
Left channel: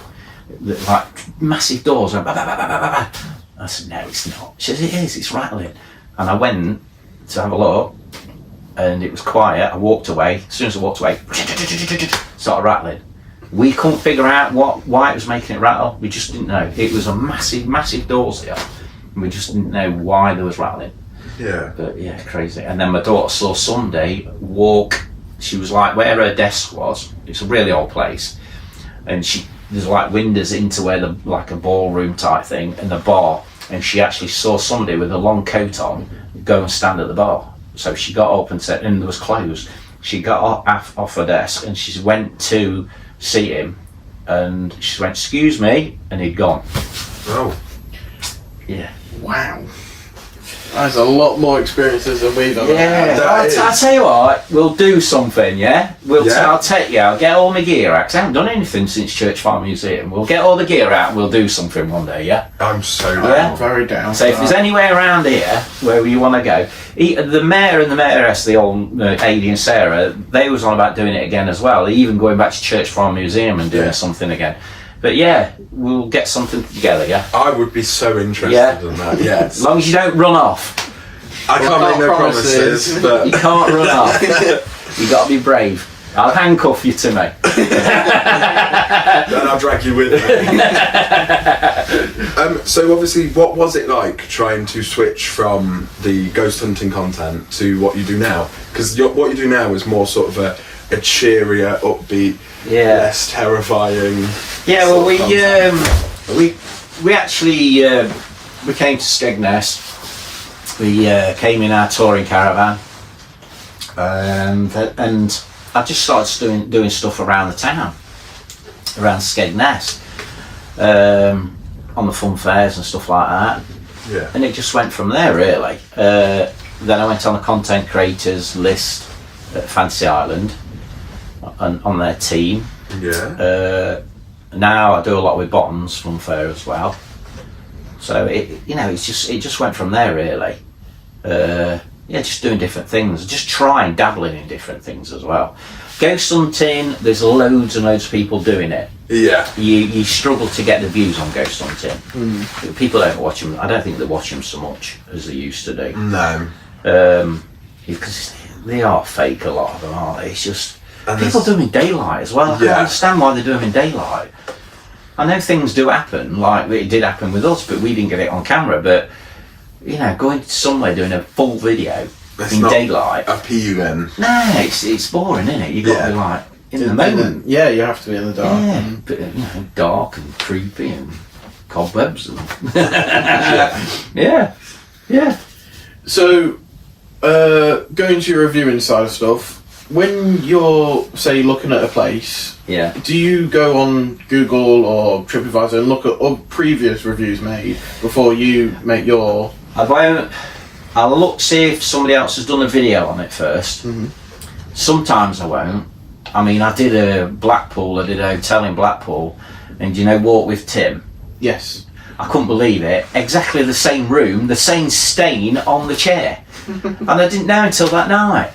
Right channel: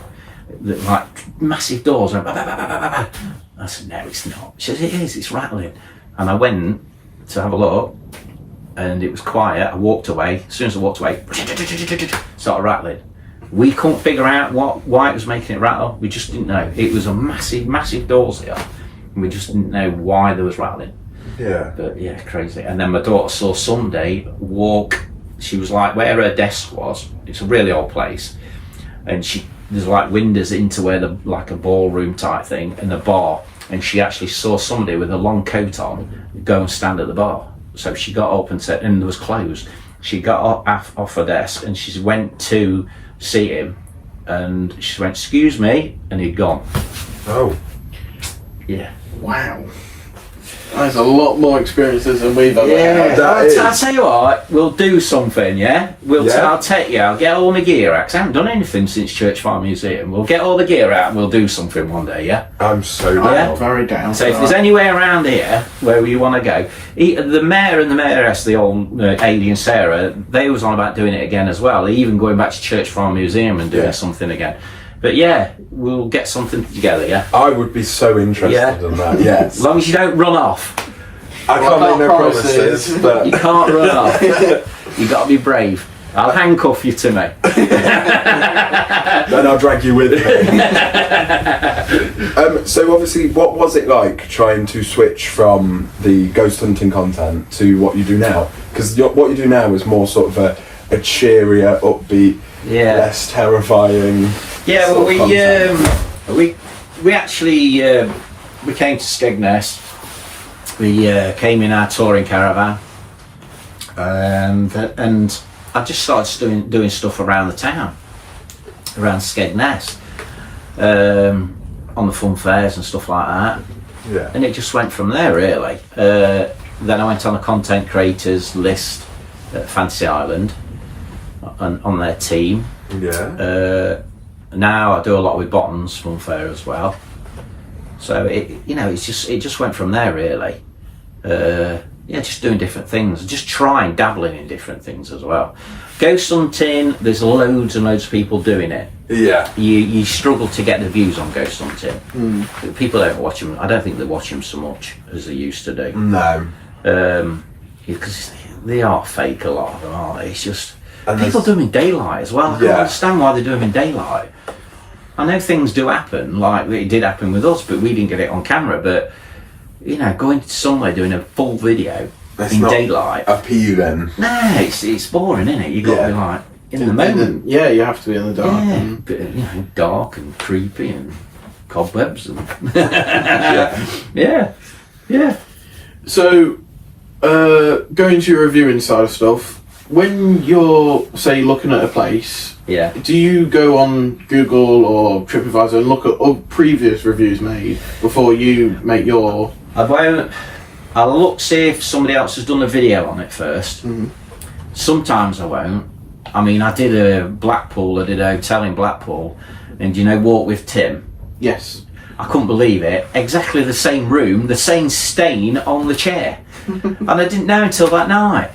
like massive doors." Went, bah, bah, bah, bah, bah, bah. I said, "No, it's not." She said, "It is, it's rattling." And I went to have a look, and it was quiet. I walked away. As soon as I walked away, started rattling. We couldn't figure out why it was making it rattle. We just didn't know. It was a massive doors here, and we just didn't know why there was rattling. Yeah. But yeah, crazy. And then my daughter saw Sunday walk. She was like where her desk was. It's a really old place, and there's like windows into where like a ballroom type thing and the bar. And she actually saw somebody with a long coat on go and stand at the bar. So she got up and said, and it was closed. She got off her desk and she went to see him, and she went, "Excuse me," and he'd gone. Oh. Yeah. Wow. That's a lot more experiences than we've ever Yeah, had. I'll tell you what, we'll do something, yeah? Yeah. I'll take you, I'll get all my gear out, 'cause I haven't done anything since Church Farm Museum. We'll get all the gear out and we'll do something one day, yeah? I'm so Yeah. down. Very down. So if there's anywhere around here where you want to go, the mayor and the mayoress, the old Adi and Sarah, they was on about doing it again as well, even going back to Church Farm Museum and doing Yeah. something again. But yeah, we'll get something together, yeah? I would be so interested Yeah. in that, yes. As long as you don't run off. I can't make no promises, You but can't run off. You got to be brave. I'll handcuff you to me. then I'll drag you with me. So obviously, what was it like trying to switch from the ghost hunting content to what you do now? Because what you do now is more sort of a cheerier, upbeat, Yeah. less terrifying. Yeah. Well, sort of content. we actually we came to Skegness. We came in our touring caravan, and I just started doing stuff around the town, around Skegness, on the fun fairs and stuff like that. Yeah. And it just went from there, really. Then I went on the content creators list at Fantasy Island, on their team. Yeah. Now I do a lot with Bottoms Fun Fair as well. So it just went from there, really. Just doing different things, just trying, dabbling in different things as well. Ghost hunting, there's loads and loads of people doing it. Yeah. You struggle to get the views on ghost hunting. People don't watch them. I don't think they watch them so much as they used to do. No. Because they are fake, a lot of them, aren't they? It's just And people there's- do them in daylight as well. I can't Yeah. understand why they do them in daylight. I know things do happen, like it did happen with us, but we didn't get it on camera. But you know, going to somewhere doing a full video It's in not daylight, appealing. no, it's boring, isn't it? You got to Yeah. be like in the moment. Yeah, you have to be in the dark. Yeah, Mm. but, you know, dark and creepy and cobwebs and yeah. So, going to your reviewing side of stuff, when you're, say, looking at a place, Yeah. do you go on Google or TripAdvisor and look at previous reviews made before you make your... I won't. I'll look, see if somebody else has done a video on it first. Mhm. Sometimes I won't. I mean, I did a hotel in Blackpool, and you know, Walk with Tim. Yes. I couldn't believe it. Exactly the same room, the same stain on the chair, and I didn't know until that night.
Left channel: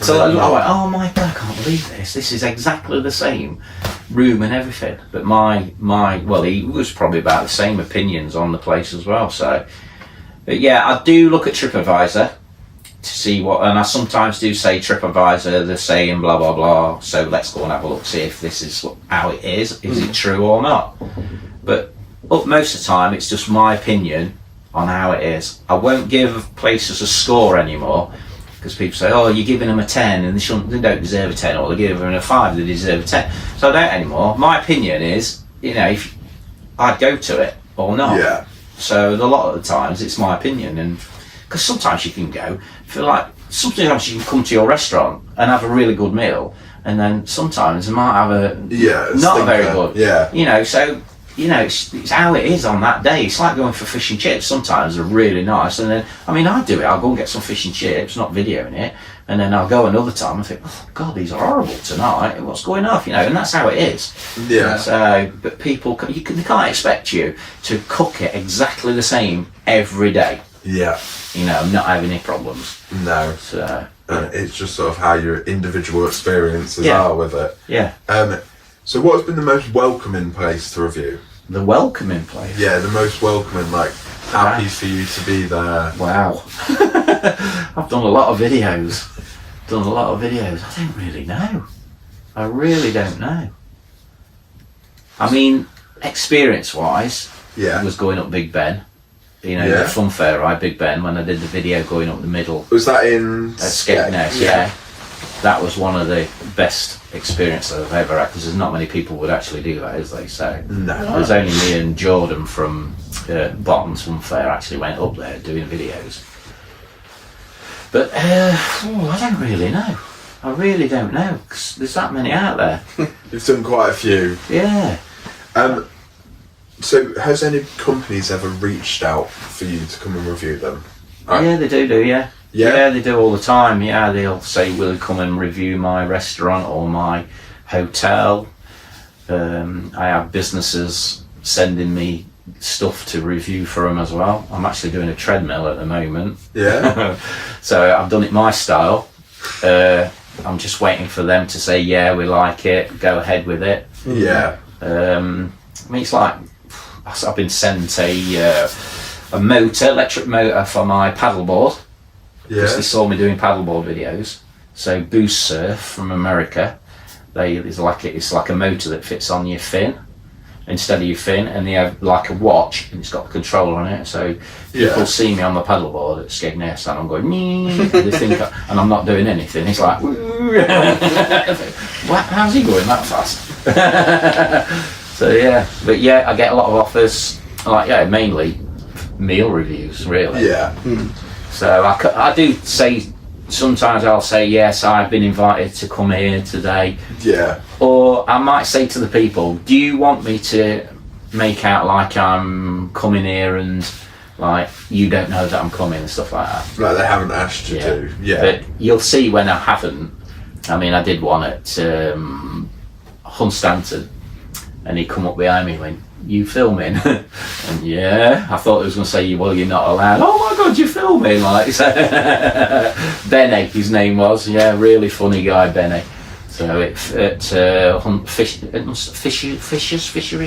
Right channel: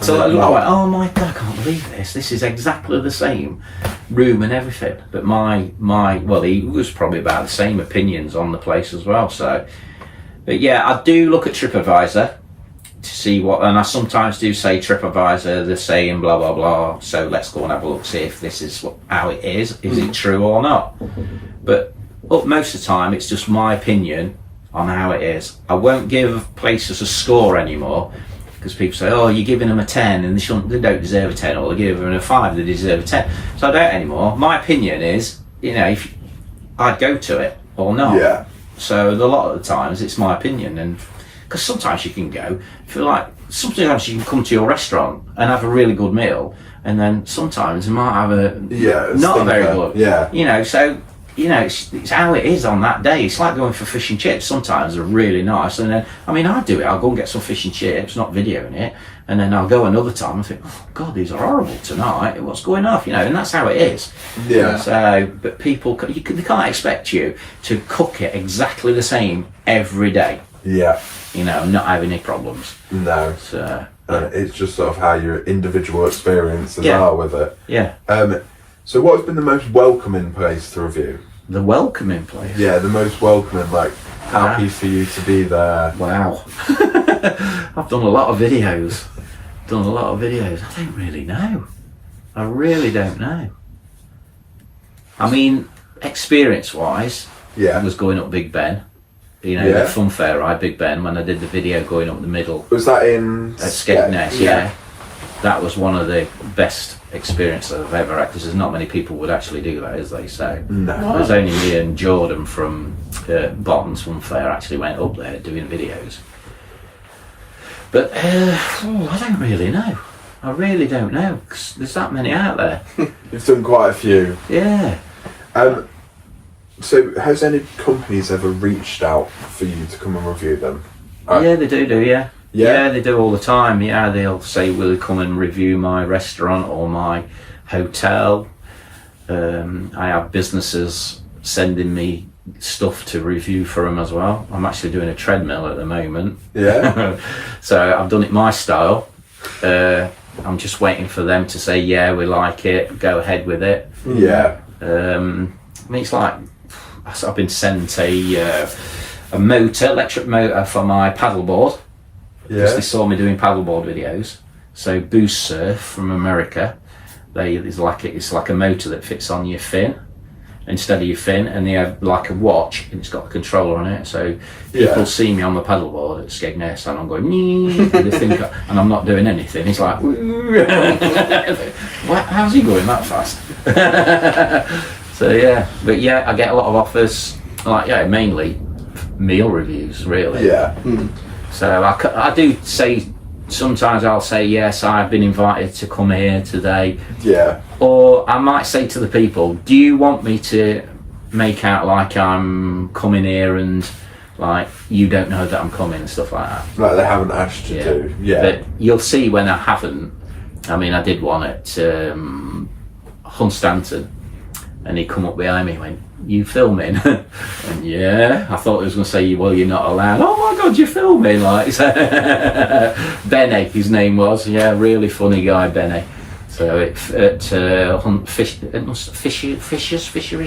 So I went, oh my god, I can't believe this. This is exactly the same room and everything. But well, he was probably about the same opinions on the place as well. So, but yeah, I do look at TripAdvisor to see what, and I sometimes do say TripAdvisor, they're saying blah blah blah. So let's go and have a look, see if this is how it is. Is it true or not? But most of the time, it's just my opinion on how it is. I won't give places a score anymore. Because people say, oh, you're giving them a 10 and they don't deserve a 10, or they're giving them a 5, they deserve a 10. So I don't anymore. My opinion is, you know, if I'd go to it or not. Yeah. So a lot of the times it's my opinion, and because sometimes you can go, feel like sometimes you can come to your restaurant and have a really good meal, and then sometimes you might have a not very good. Yeah. You know, so you know, it's how it is on that day. It's like going for fish and chips. Sometimes they're really nice, and then I mean, I do it. I'll go and get some fish and chips, not videoing it, and then I'll go another time and think, oh God, these are horrible tonight. What's going on? You know, and that's how it is. Yeah. So, but people, they can't expect you to cook it exactly the same every day. Yeah. You know, not having any problems. No. So, It's just sort of how your individual experiences Yeah. are with it. yeah, So what has been the most welcoming place to review? the welcoming place. Yeah, the most welcoming, like happy for you to be there. Wow. I've done a lot of videos. I don't really know. I really don't know. I mean, experience-wise, Yeah. it was going up Big Ben. You know, Yeah. the fun fair ride, Big Ben, when I did the video going up the middle Was that in at Skegness, yeah. That was one of the best experiences I've ever had, because there's not many people would actually do that, is they? So No. there's only me and Jordan from Bonds Fun Fair actually went up there doing videos. But I don't really know. I really don't know, because there's that many out there. You've done quite a few. Yeah. So has any companies ever reached out for you to come and review them? Yeah, they do, yeah. Yeah? Yeah, they do all the time. Yeah, they'll say, will you come and review my restaurant or my hotel? I have businesses sending me stuff to review for them as well. I'm actually doing a treadmill at the moment. Yeah. So I've done it my style. I'm just waiting for them to say, yeah, we like it, go ahead with it. Yeah. I mean, it's like, I've been sent a electric motor for my paddleboard, because they Yeah. saw me doing paddleboard videos. So Boost Surf from America, it's like a motor that fits on your fin instead of your fin, and they have like a watch and it's got the controller on it. So people Yeah. see me on my paddleboard at Skegness and I'm going, nee, and they think, and I'm not doing anything. It's like, how's he going that fast? So yeah, but yeah, I get a lot of offers, like mainly meal reviews, really. Yeah. So I do say, sometimes I'll say, yes, I've been invited to come here today. Yeah. Or I might say to the people, do you want me to make out like I'm coming here and like you don't know that I'm coming and stuff like that? Like they haven't asked you to. Yeah. But you'll see when I haven't. I mean, I did one at Hunstanton, and he come up behind me and went, you filming? And yeah, I thought he was going to say, well, you're not allowed. Oh my God, you're filming! Like, so Benny, his name was. Yeah, really funny guy, Benny. So at Fisheries,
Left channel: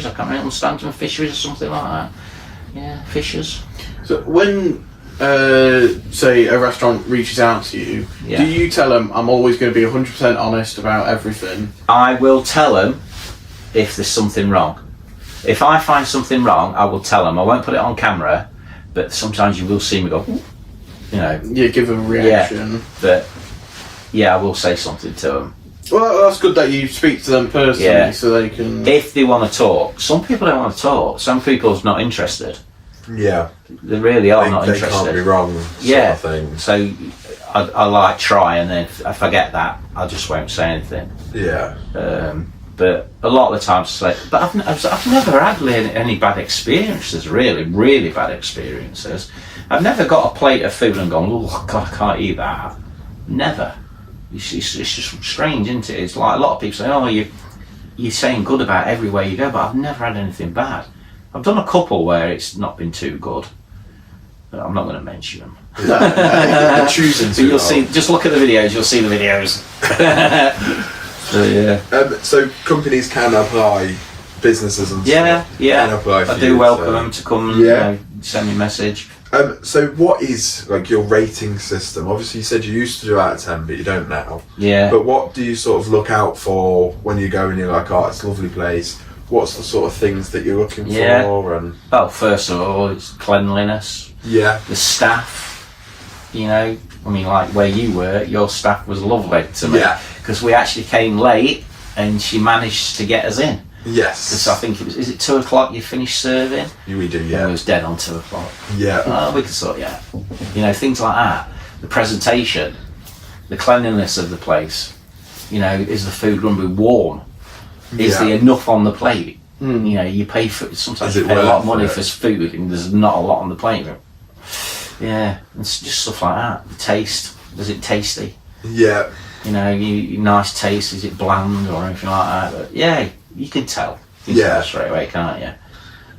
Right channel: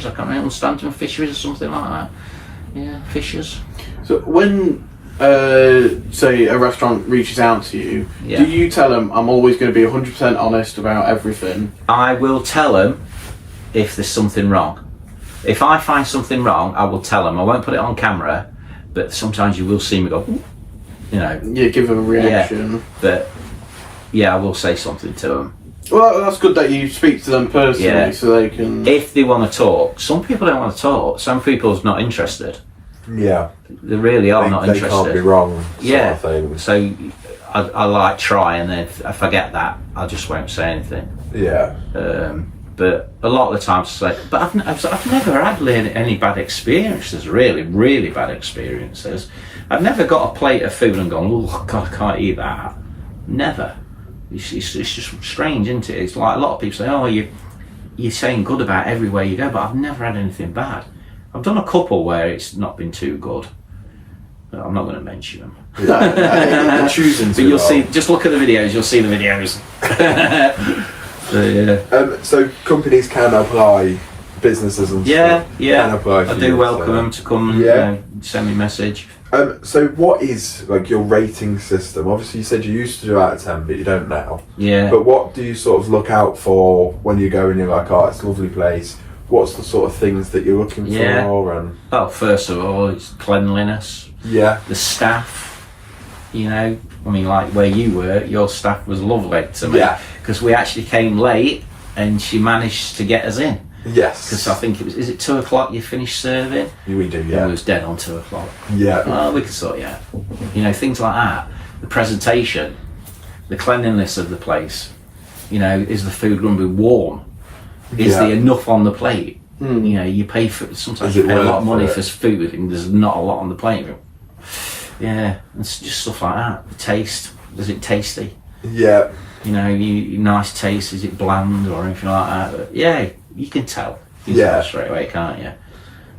I can't remember, Hunstanton Fisheries or something like that. Yeah, Fishers. So when, say, a restaurant reaches out to you, Yeah. do you tell them, I'm always going to be 100% honest about everything? I will tell them if there's something wrong. If I find something wrong, I will tell them. I won't put it on camera, but sometimes you will see me go, you know. Yeah, give a reaction. Yeah, but yeah, I will say something to them. Well, that's good that you speak to them personally, so they can. If they want to talk, some people don't want to talk. Some people's not interested. Yeah. They really are not They interested. can't be wrong. Yeah. Sort of thing. So I like try, and then if I get that, I just won't say anything. Yeah. But a lot of the times, I say, but I've never had any bad experiences. Really bad experiences. I've never got a plate of food and gone, oh God, I can't eat that. Never. It's just strange, isn't it? It's like a lot of people say, oh, you're saying good about everywhere you go, but I've never had anything bad. I've done a couple where it's not been too good. But I'm not going to mention them. You're choosing to. But you'll see. Just look at the videos. You'll see the videos. So, yeah. So companies can apply, businesses and Yeah, stuff yeah. can apply for I do you, welcome so. them to come. Yeah. Send me a message. So what is like your rating system? Obviously you said you used to do out of 10 but you don't now. Yeah. But what do you sort of look out for when you go and you're like, oh, it's a lovely place? What's the sort of things that you're looking Yeah. for? And Well, first of all, it's cleanliness. yeah, The staff. You know, I mean, like where you were, your staff was lovely to me. Yeah. Because we actually came late, and she managed to get us in. yes. Because I think it was. Is it 2 o'clock you finished serving? We do, And yeah. we was dead on 2 o'clock. Yeah. Well, we could sort you out. You know, things like that. The presentation, the cleanliness of the place. You know, is the food going to be warm? Is Yeah. there enough on the plate? You know, you pay for sometimes Is you it pay a lot of worth money it? for food, and there's not a lot on the plate. Yeah, it's just stuff like that. The taste, is it tasty? Yeah. You know, nice taste. Is it bland or anything like that? But yeah, you can tell. You can Yeah. tell straight away, can't you?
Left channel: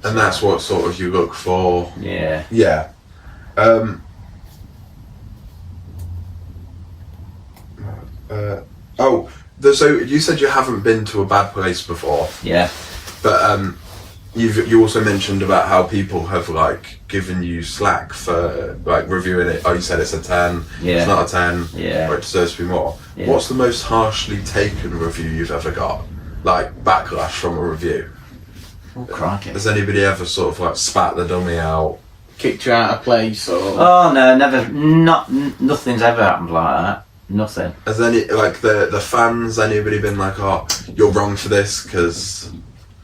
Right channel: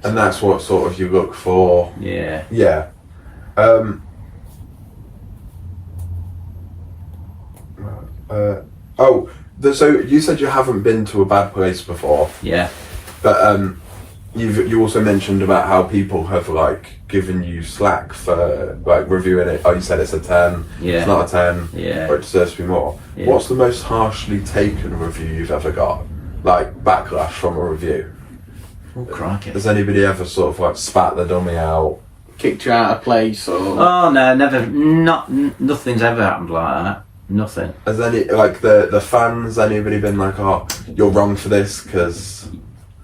And that's what sort of you look for. Yeah. Yeah. So you said you haven't been to a bad place before, Yeah. but you also mentioned about how people have like given you slack for like reviewing it. Oh, you said it's a 10. Yeah. It's not a 10. Yeah. Or it deserves to be more. Yeah. What's the most harshly taken review you've ever got? Like backlash from a review? Oh, crikey. Has anybody ever sort of like spat the dummy out? Kicked you out of place or. Oh no, never. Nothing's ever happened like that. Nothing. Has any like the fans? Anybody been like, oh, you're wrong for this because?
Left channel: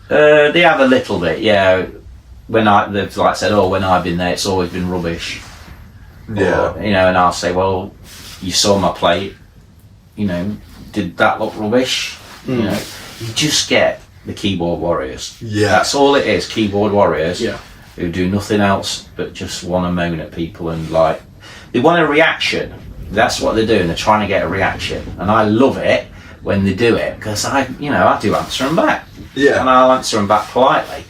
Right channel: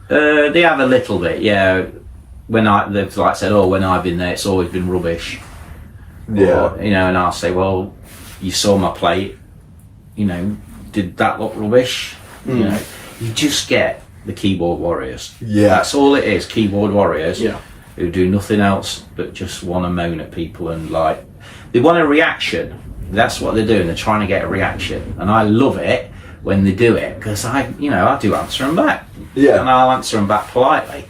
They have a little bit, yeah. They've like said, oh, when I've been there, it's always been rubbish. Yeah. Or, you know, and I'll say, well, you saw my plate. You know, did that look rubbish? You know, you just get the keyboard warriors. Yeah. That's all it is. Keyboard warriors. Yeah. Who do nothing else but just want to moan at people and like they want a reaction. That's what they're doing. They're trying to get a reaction, and I love it when they do it because I do answer them back. Yeah. And I'll answer them back politely.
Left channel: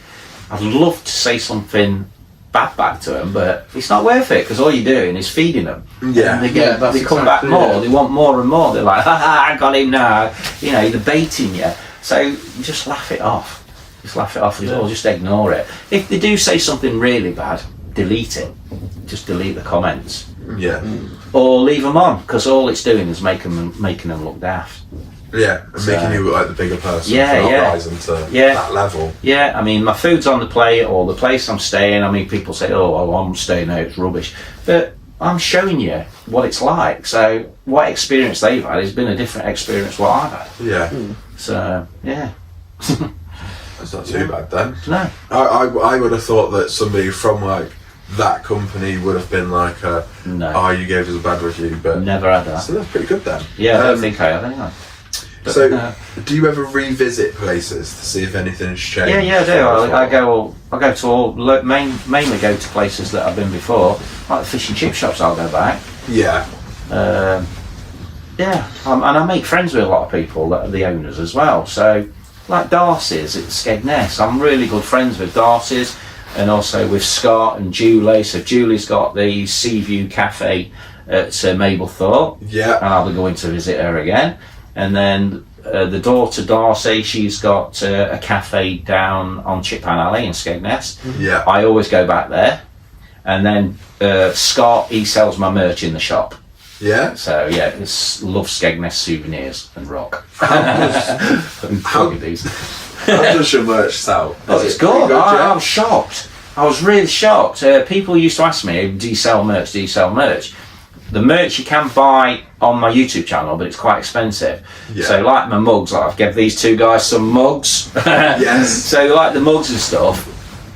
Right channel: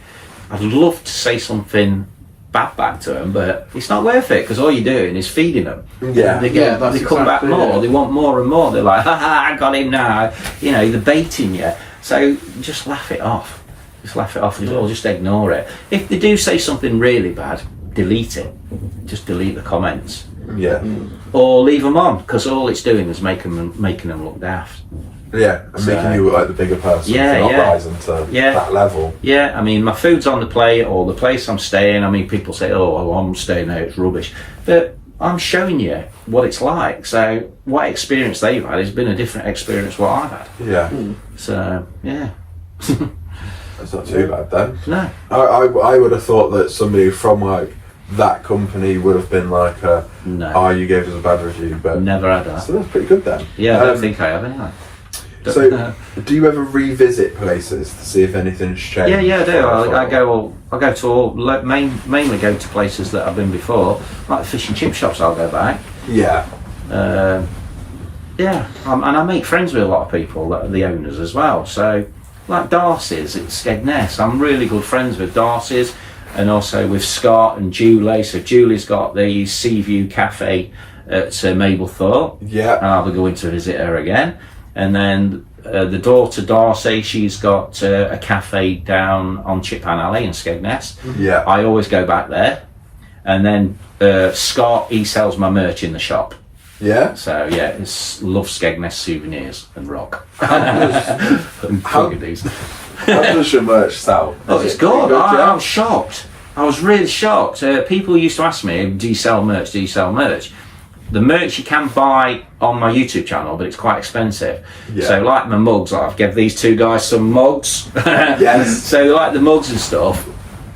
I'd love to say something bad back to them, but it's not worth it because all you're doing is feeding them. Yeah. And they Yeah, that's they come back exactly more. it. They want more and more. They're like, ha ha, I got him now. You know, they're baiting you. So just laugh it off. Just laugh it off as well. Just ignore it. If they do say something really bad, delete it. Just delete the comments. Yeah. Or leave them on because all it's doing is making them look daft. Yeah. And So- making you look like the bigger person. Yeah, for not yeah. rising to Yeah. that level. Yeah, I mean, my food's on the plate or the place I'm staying. I mean, people say, oh, well, I'm staying there, it's rubbish. But I'm showing you what it's like. So what experience they've had has been a different experience what I've had. Yeah. So, yeah. That's not too bad then. No. I would have thought that somebody from like that company would have been like, No. oh, you gave us a bad review, but Never had that. so that's pretty good then. Yeah, I don't think I have anyway. But, So, do you ever revisit places to see if anything's changed? yeah, I do. I go to all mainly go to places that I've been before, like the fish and chip shops. I'll go back. Yeah. Yeah, and I make friends with a lot of people, that are the owners as well. So, like Darcy's at Skegness, I'm really good friends with Darcy's, and also with Scott and Julie. So Julie's got the Seaview Cafe at Mablethorpe, Yeah. and I'll be going to visit her again. And then the daughter Darcy, she's got a cafe down on Chippan Alley in Skegness. Yeah. I always go back there. And then Scott, he sells my merch in the shop. Yeah. So yeah, it's love Skegness souvenirs and rock. And How- these. How does your merch sell? Oh, it's good. I yeah? was shocked. I was really shocked. People used to ask me, do you sell merch? Do you sell merch? The merch you can buy on my YouTube channel, but it's quite expensive. Yeah. So like my mugs, like I've given these two guys some mugs. Yes. So like the mugs and stuff,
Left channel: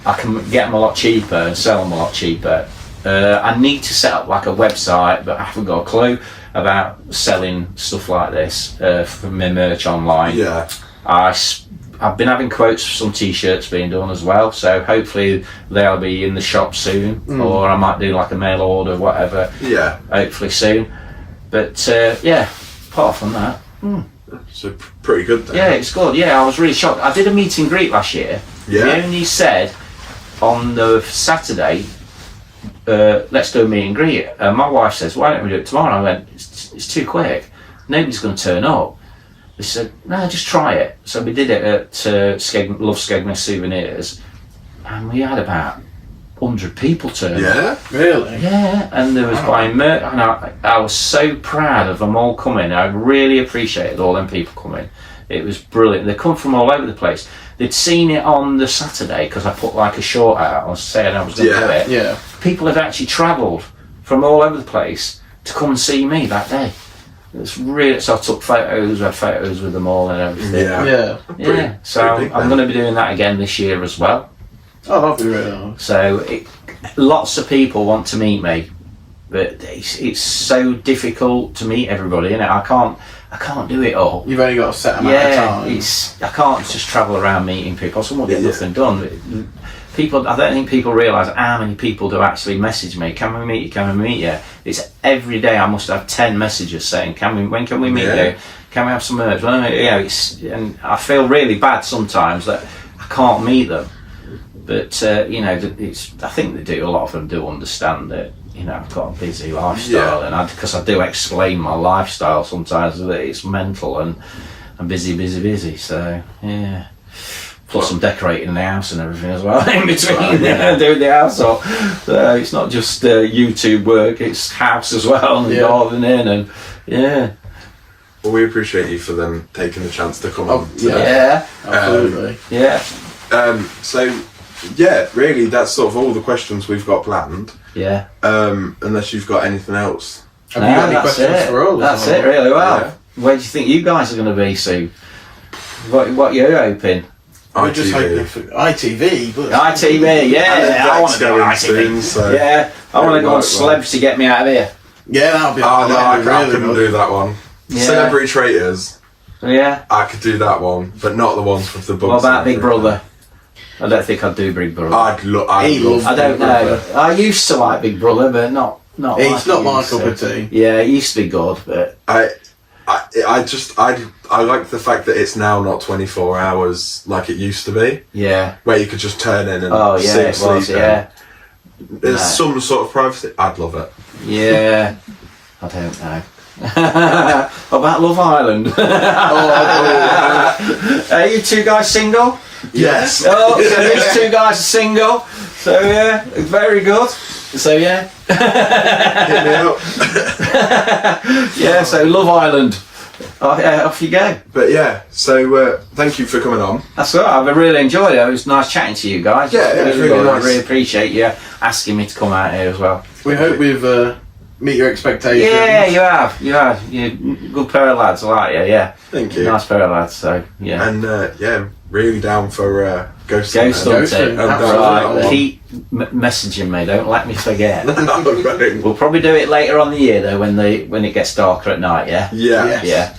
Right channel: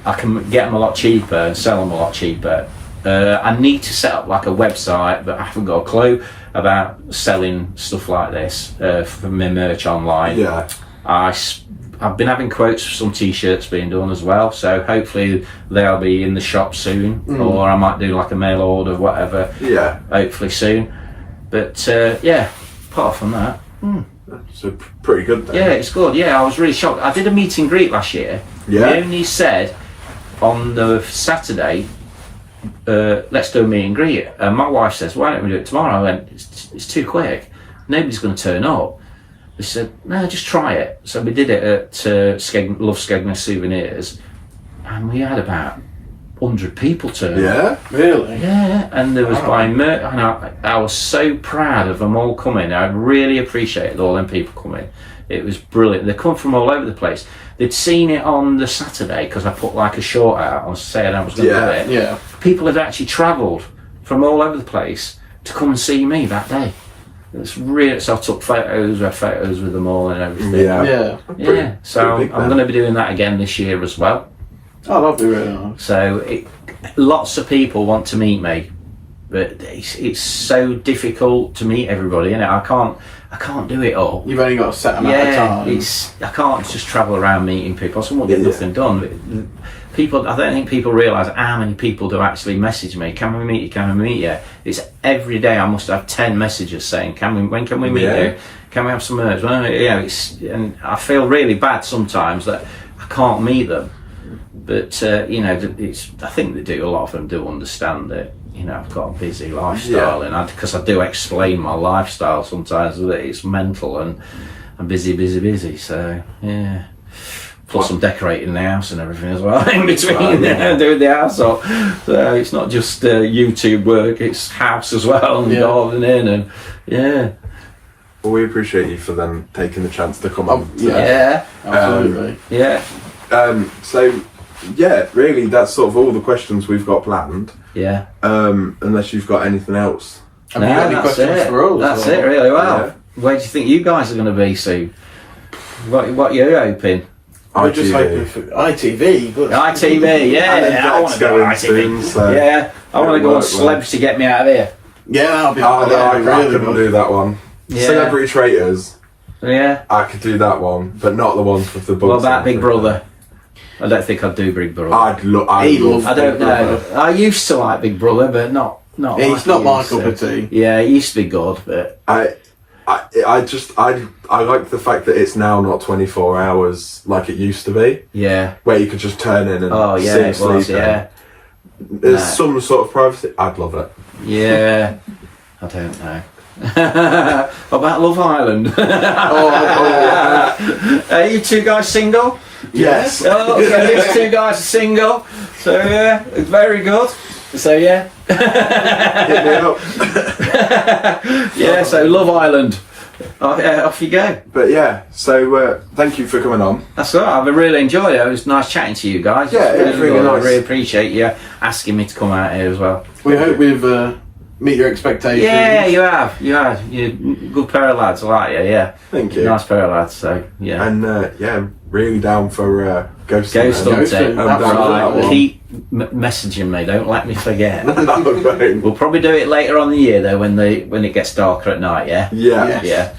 I can get them a lot cheaper and sell them a lot cheaper. I need to set up like a website, but I haven't got a clue about selling stuff like this for my merch online. Yeah. I've been having quotes for some t-shirts being done as well, so hopefully they'll be in the shop soon, or I might do like a mail order, whatever. Yeah. Hopefully soon. But yeah, apart from that, So pretty good then. yeah, it's good. Yeah, I was really shocked. I did a meet and greet last year. Yeah. They only said on the Saturday, let's do a meet and greet. My wife says, why don't we do it tomorrow? I went, it's too quick. Nobody's going to turn up. They said, no, just try it. So we did it at Love Skegness Souvenirs, and we had about 100 people turn up. Yeah. Really? Yeah, and there was buying merch, and I was so proud of them all coming. I really appreciated all them people coming. It was brilliant. They come from all over the place. They'd seen it on the Saturday because I put like a short out on saying I was going to do it. Yeah. People had actually travelled from all over the place to come and see me that day. It's really, so I took photos, we had photos with them all and everything. Yeah. Yeah. So pretty big I'm then. going to be doing that again this year as well. Oh, that'd be really nice. So lots of people want to meet me, but it's so difficult to meet everybody, and I can't do it all. You've only got a set amount of time. I can't just travel around meeting people. So I won't get nothing done. People, I don't think people realise how many people do actually message me. Can we meet you? Can we meet you? It's every day. I must have 10 messages saying, when can we meet you? Can we have some merch? Well, and I feel really bad sometimes that I can't meet them. But I think they do. A lot of them do understand that. I've got a busy lifestyle, and because I do explain my lifestyle sometimes that it's mental and I'm busy. So yeah. Plus I'm decorating the house and everything as well in between, doing the house up. So it's not just YouTube work; it's house as well and gardening and Well, we appreciate you for them taking the chance to come on. Yeah, Absolutely. So, yeah, really, that's sort of all the questions we've got planned. Yeah. Unless you've got anything else. Have you got any that's questions it. for us? That's or- it, really well. Yeah. Where do you think you guys are going to be soon? What you're hoping? We're just ITV. hoping for ITV, but ITV, yeah. I want to go on Beck's going ITV. soon, so Yeah, I want to it go on might Celebs to get me out of here. yeah, that'll be, Oh, no, that'll be I really couldn't good. do that one. Yeah. Celebrity Traitors, Yeah. I could do that one, but not the ones with the books. What about Big Brother? I don't think I'd do Big Brother. I'd love. I don't know. I used to like Big Brother, but not. It's like not it my used cup to. of tea. Yeah, it used to be good, but I like the fact that it's now not 24 hours like it used to be, yeah. where you could just turn in and Oh yeah, it was. sleep in. Yeah, There's No. some sort of privacy. I'd love it. yeah. I don't know. What about Love Island? Are you two guys single? Yes. Oh, so these two guys are single. So yeah, it's very good. So yeah, Hit me up. yeah. So Love Island. Off you go. But yeah, so thank you for coming on. That's all right. I've really enjoyed it. It was nice chatting to you guys. Yeah, It's it was really good. nice. I really appreciate you asking me to come out here as well. We hope we've meet your expectations. Yeah, you have. You're a good pair of lads. I like you. Yeah, Thank you. nice pair of lads. So yeah. And yeah, really down for Ghost Ghost Hunter. hunting. Hunting, Right. absolutely. Keep messaging me. Don't let me forget. Right. We'll probably do it later on in the year though, when it gets darker at night. Yeah. Yeah. Yeah. Yeah.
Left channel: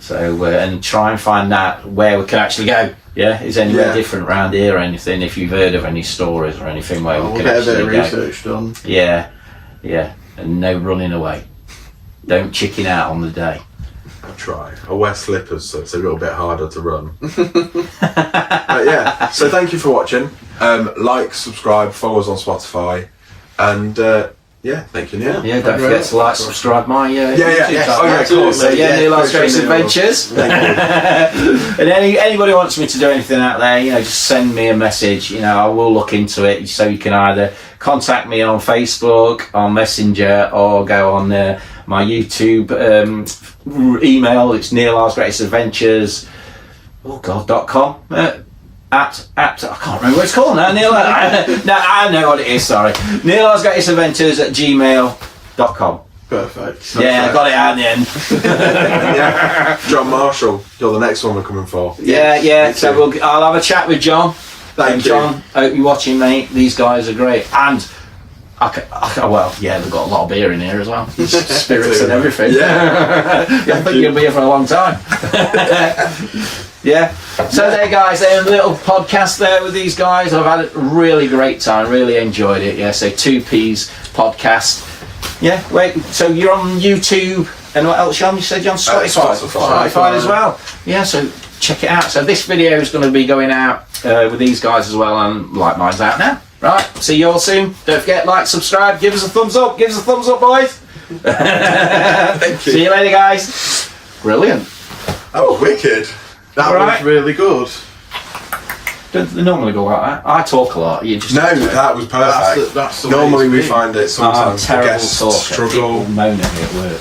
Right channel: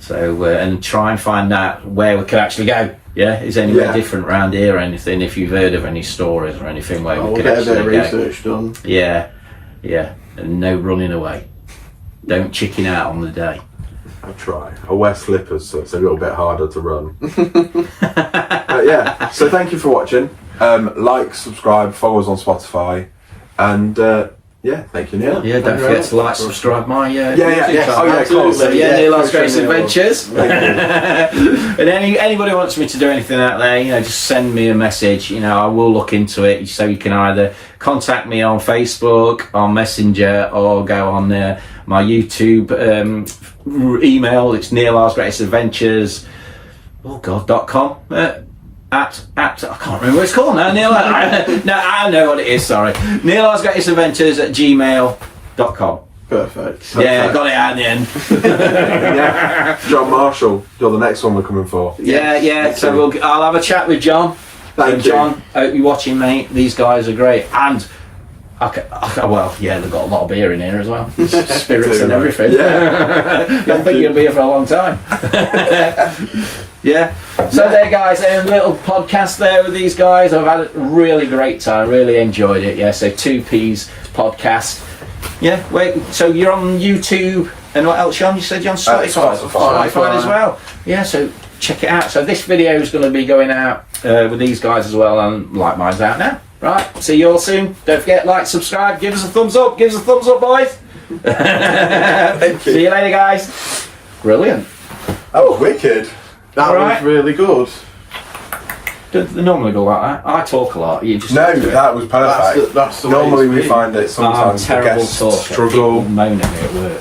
So and try and find out where we can actually go. Yeah. Is anywhere Yeah. different around here or anything? If you've heard of any stories or anything where we We'll can get a bit actually of go. research done. Yeah. Yeah. And no running away. Don't chicken out on the day. I'll try. I wear slippers, so it's a little bit harder to run. But yeah, so thank you for watching. Like, subscribe, follow us on Spotify, and yeah, thank you, Neil. Yeah. Don't forget to like, subscribe my YouTube yes. channel. Oh, yeah, Absolutely. cool. So yeah, Yeah, Neil Lars for Grace sure, Neil. Adventures. And anybody wants me to do anything out there, just send me a message. I will look into it. So you can either contact me on Facebook, on Messenger, or go on my YouTube email. It's Neil Lars Grace Adventures. oh god.com. At I can't remember what it's called now. Neil. No, I know what it is. Sorry, Neil Osgatis Adventures at gmail.com. Perfect. Yeah, got it out in the end. Yeah. John Marshall, you're the next one we're coming for. Yeah. So I'll have a chat with John. Thank you. John, hope you're watching, mate. These guys are great, and well, yeah, they've got a lot of beer in here as well, spirits and everything. Yeah. I think you'll be here for a long time. Yeah. So there, guys, a little podcast there with these guys. I've had a really great time, really enjoyed it. Yeah. So 2P's podcast. Yeah. Wait. So you're on YouTube, and what else, John? You said you're on Spotify. Spotify as well. Yeah. So check it out. So this video is going to be going out with these guys as well, and like mine's out now. Right, see you all soon. Don't forget, like, subscribe, give us a thumbs up. Give us a thumbs up, boys. Thank you. See you later, guys. Brilliant. Oh, wicked. That Right. was really good. Don't they normally go like that? I talk a lot. You just No, that was perfect. That's the way Normally it's we been. find that I'm a sometimes the terrible guests talker. struggle. People moan at me at work.